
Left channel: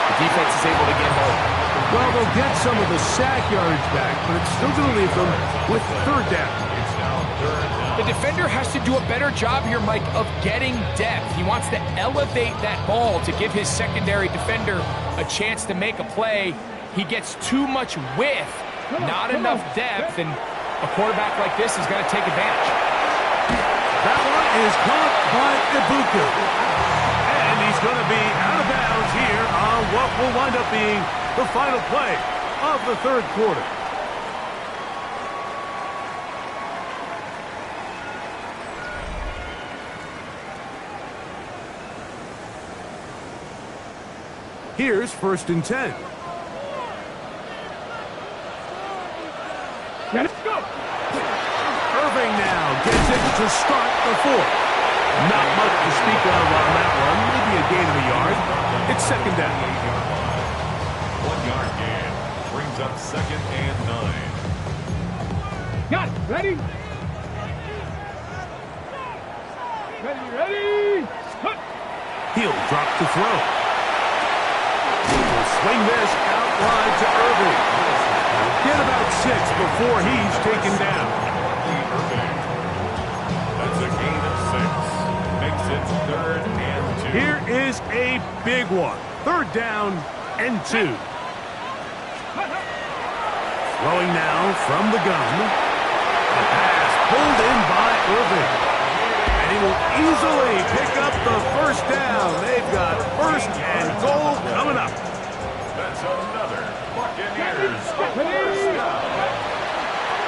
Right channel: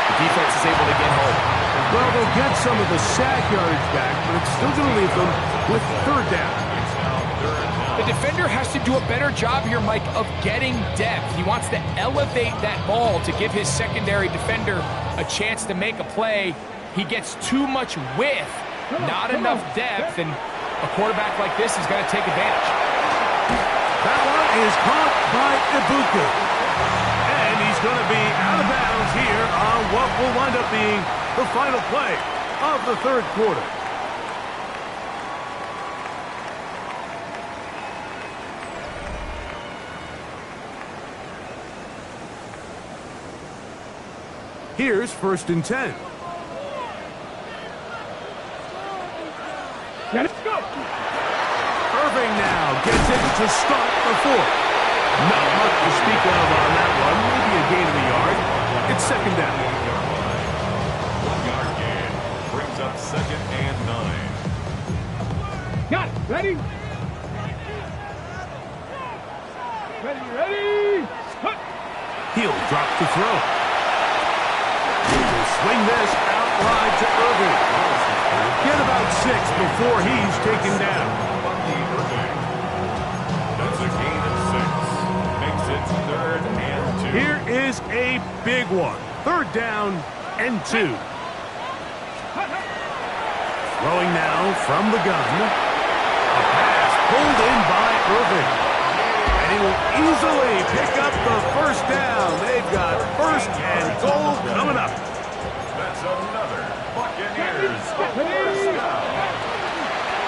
the defense is able to get home. Well, they'll get some of the sack yardage back, but it's still going to leave them with 3rd down. The defender has to do a better job here, Mike, of getting depth. He wants to elevate that ball to give his secondary defender a chance to make a play. He gets too much width, not enough depth, and a quarterback like this is going to take advantage. That one is caught by Ibuka. And he's going to be out of bounds here on what will wind up being the final play of the 3rd quarter. Here's 1st and 10. Let's go. Irving now gets it to start the 4th. Not much to speak of on that one. Maybe a gain of a yard. It's second down. 1-yard gain brings up 2nd and 9. Got it. Ready? Ready? Hut. He'll drop to throw. He will swing this out wide to Irving. Get about 6 before he's taken down. That's a gain of 6. Makes it 3rd and 2. Here is a big one. 3rd down and 2. Throwing now from the gun. A pass pulled in by Irving. And he will easily pick up the first down. They've got first and goal coming up. That's another Buccaneers first down.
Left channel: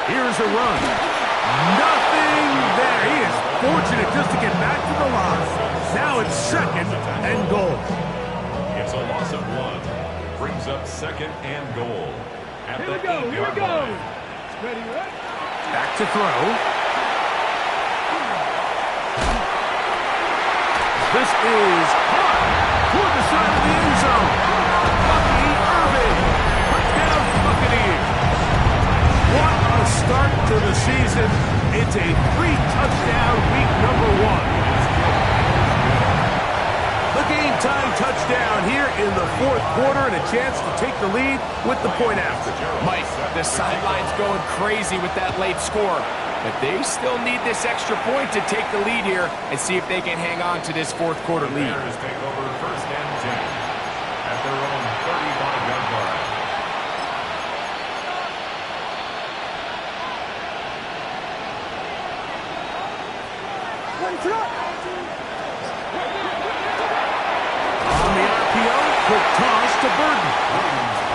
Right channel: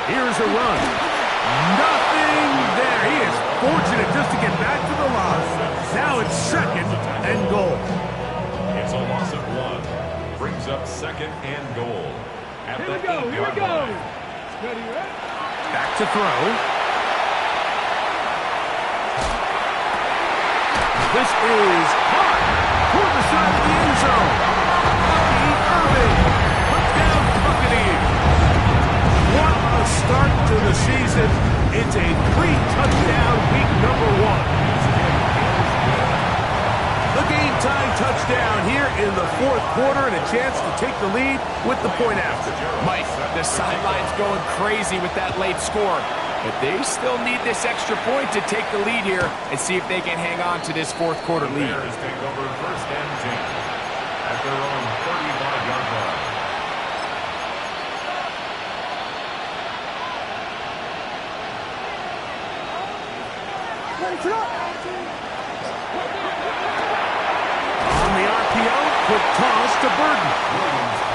Here's a run. Nothing there. He is fortunate just to get back to the line. Now it's second and goal. It's a loss of 1. Brings up second and goal. At Here the we go, here we 8-yard go. line. Ready, right? Back to throw. This is caught toward the side of the end zone. Bucky Irving put down Buccaneers. What a start to the season. It's a 3-touchdown week number 1. The game-time touchdown here in the fourth quarter and a chance to take the lead with the point after. Mike, the sideline's going crazy with that late score, but they still need this extra point to take the lead here and see if they can hang on to this fourth quarter lead. Bears take over first and 10 at their own 35-yard line. On the RPO, quick toss to Burton.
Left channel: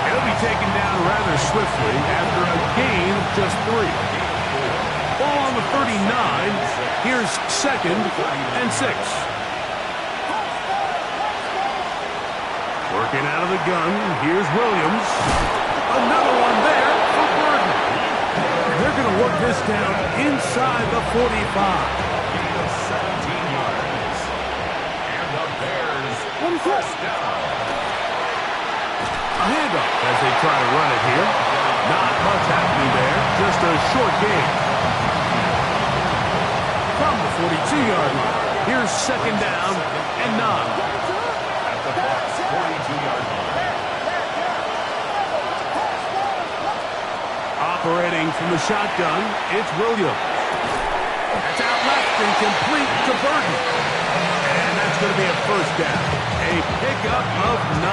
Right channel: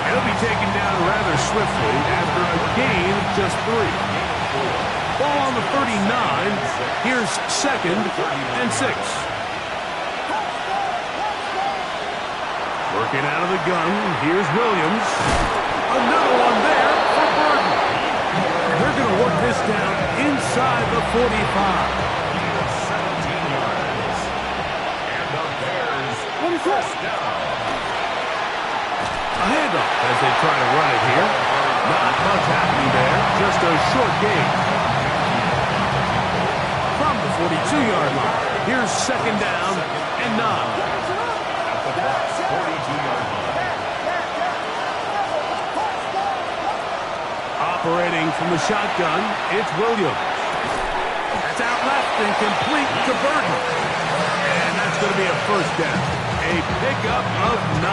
He'll be taken down rather swiftly after a gain of just 3. Ball on the 39. Here's second and 6. Working out of the gun. Here's Williams. Another one there for Burton. And they're going to work this down inside the 45. Gain of 17 yards. And the Bears first down. A handoff as they try to run it here. Not much happening there. Just a short gain. From the 42-yard line. Here's second down and 9. At the Bucs 42-yard line. Operating from the shotgun, it's Williams. That's out left and complete to Burton. And that's going to be a first down. A pickup of 9.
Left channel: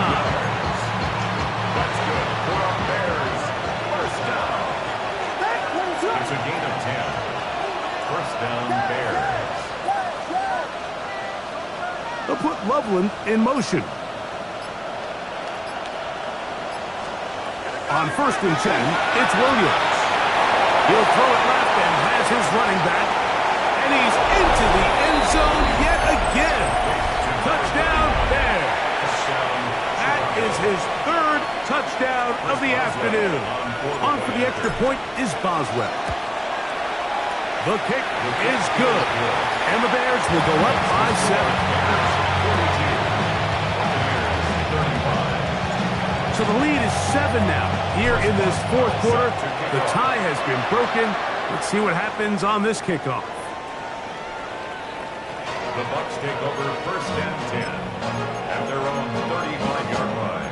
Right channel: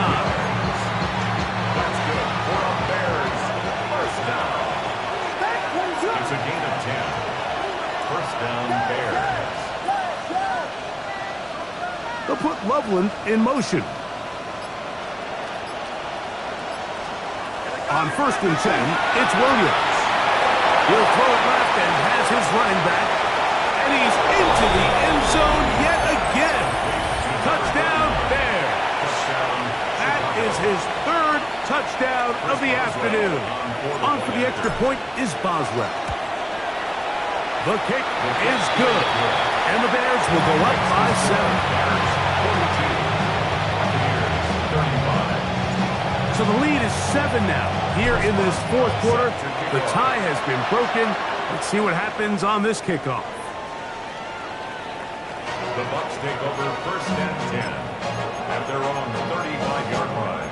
That's good for a Bears first down. It's a gain of 10. First down, Bears. They'll put Loveland in motion. On first and 10, it's Williams. He'll throw it left and has his running back. And he's into the end zone yet again. Touchdown, Bears. That is his 3rd touchdown of the afternoon. On for the extra point is Boswell. The kick is good. And the Bears will go up by 7. Bears 42. Buccaneers 35. So the lead is 7 now. Here in this fourth quarter, the tie has been broken. Let's see what happens on this kickoff. The Bucs take over first and 10 at their own 35-yard line.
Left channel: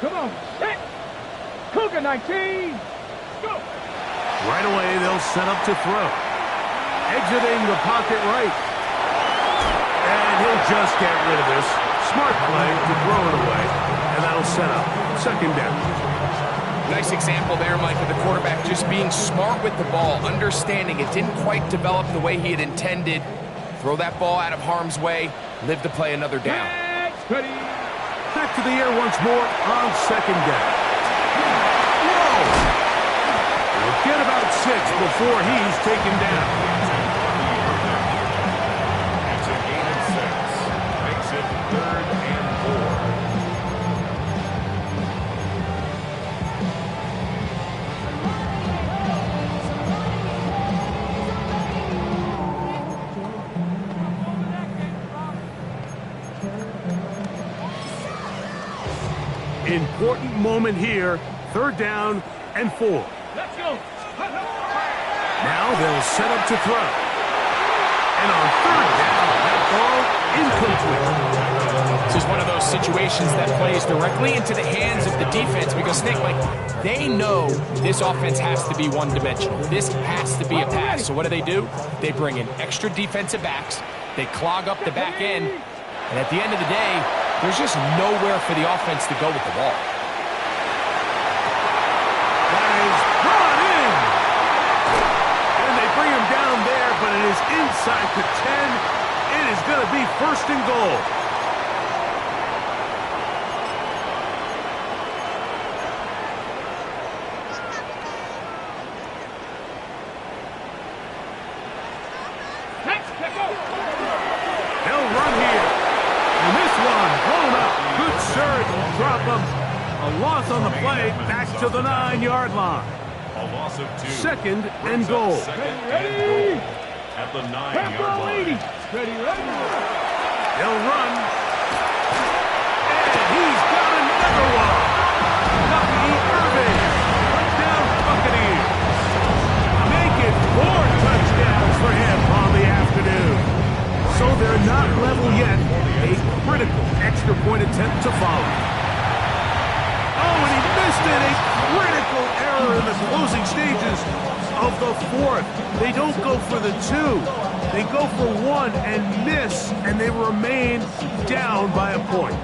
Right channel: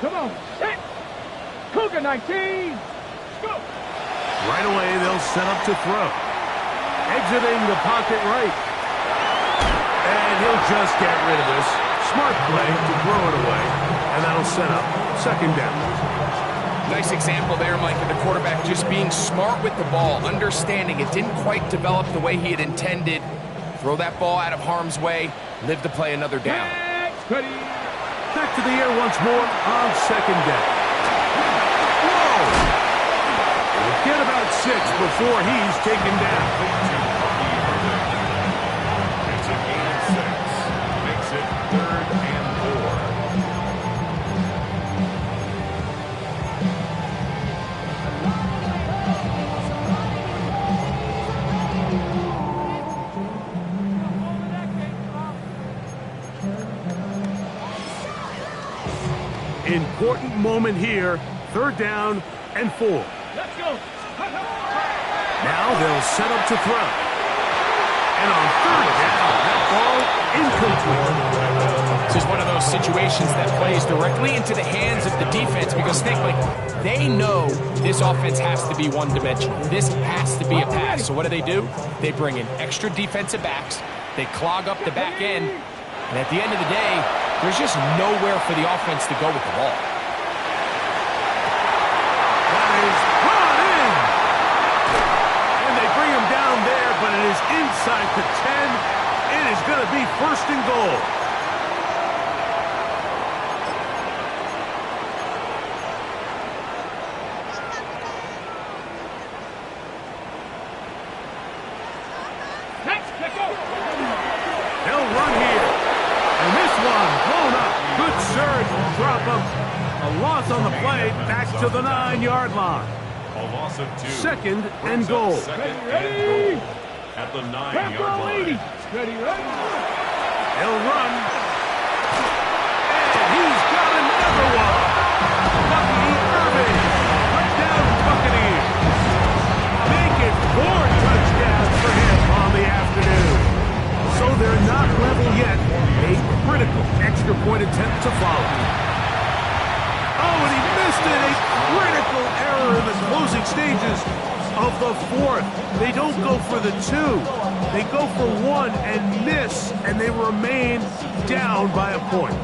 Come on, set. Cougar 19. Go. Right away, they'll set up to throw. Exiting the pocket right. And he'll just get rid of this. Smart play to throw it away. And that'll set up second down. Nice example there, Mike, of the quarterback just being smart with the ball, understanding it didn't quite develop the way he had intended. Throw that ball out of harm's way, live to play another down. Next, ready. Back to the air once more on second down. Whoa! He'll get about 6 before he's taken down. It's a gain of 6. Makes it 3rd and 4. Important moment here. 3rd down and 4. Let's go. Now they'll set up to throw. And on 3rd down, that ball incomplete. This is one of those situations that plays directly into the hands of the defense because, Nick, like, they know this offense has to be one-dimensional. This has to be a pass. So what do? They bring in extra defensive backs. They clog up the back end. And at the end of the day, There's just nowhere for the offense to go with the ball. That is brought in. And they bring him down there, but it is inside the 10. It is going to be first and goal. They'll run here. And this one blown up. Good surge will drop him. A loss on the play, back to the 9-yard line. A loss of 2. Second and goal. Second and goal at the 9-yard line. Ready. He'll run. And he's got another one. Lucky Irving. Touchdown Buccaneers. Make it 4 touchdowns for him on the afternoon. So they're not level yet. A critical extra point attempt to follow. Oh, and he missed it. A critical error in the closing stages of the 4th. They don't go for the 2. They go for 1 and miss, and they remain down by a point.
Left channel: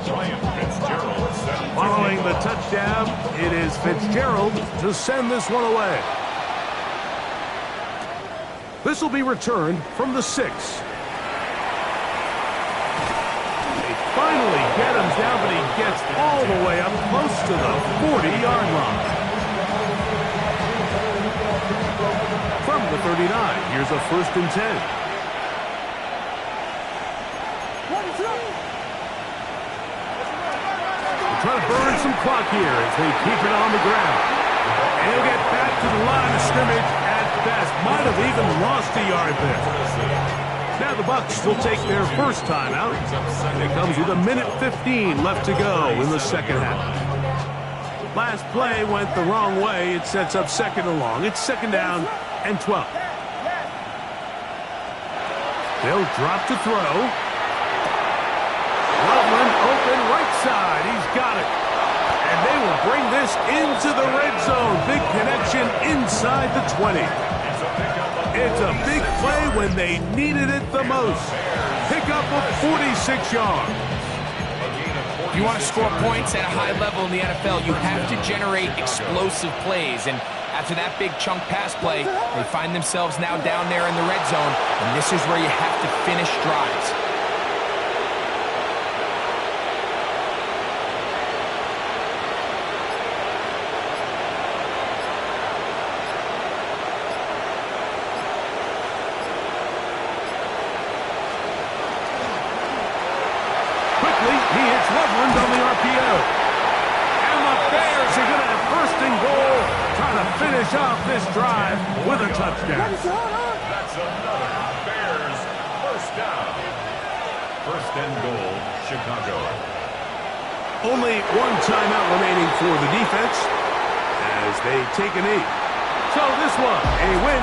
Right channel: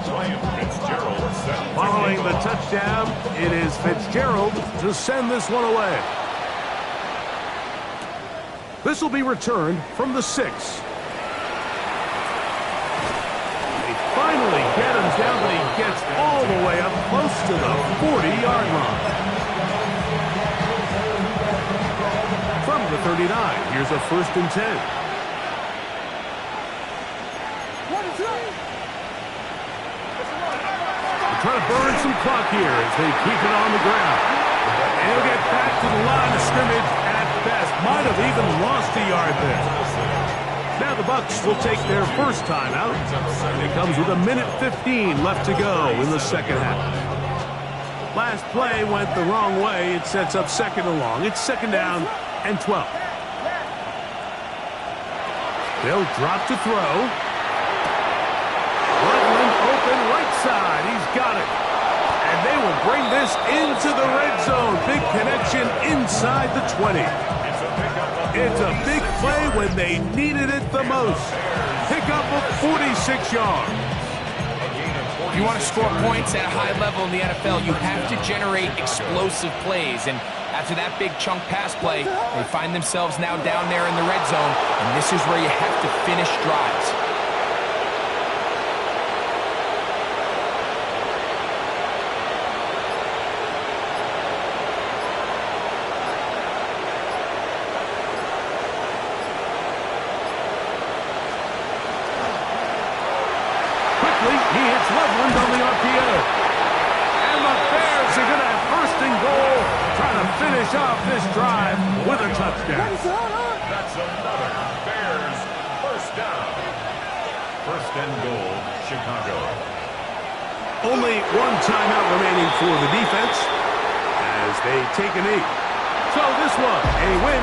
Following the touchdown, it is Fitzgerald to send this one away. This will be returned from the 6. Finally get him down, but he gets all the way up close to the 40-yard line. From the 39, here's a 1st and 10. They're trying to burn some clock here as they keep it on the ground. And he'll get back to the line of scrimmage at best. Might have even lost a yard there. Now the Bucs will take their first timeout, and it comes with 1:15 left to go in the second half. Last play went the wrong way. It sets up second and long. It's second down and 12. They'll drop to throw. Loveland open right side. He's got it. And they will bring this into the red zone. Big connection inside the 20. It's a big play when they needed it the most. Pick up of 46 yards. If you want to score points at a high level in the NFL, you have to generate explosive plays. And after that big chunk pass play, they find themselves now down there in the red zone. And this is where you have to finish drives. He hits Loveland on the RPO. And the Bears are going to have first and goal, trying to finish off this drive with a touchdown. That's another Bears first down. First and goal, Chicago. Only one timeout remaining for the defense as they take a knee. So this one, a win.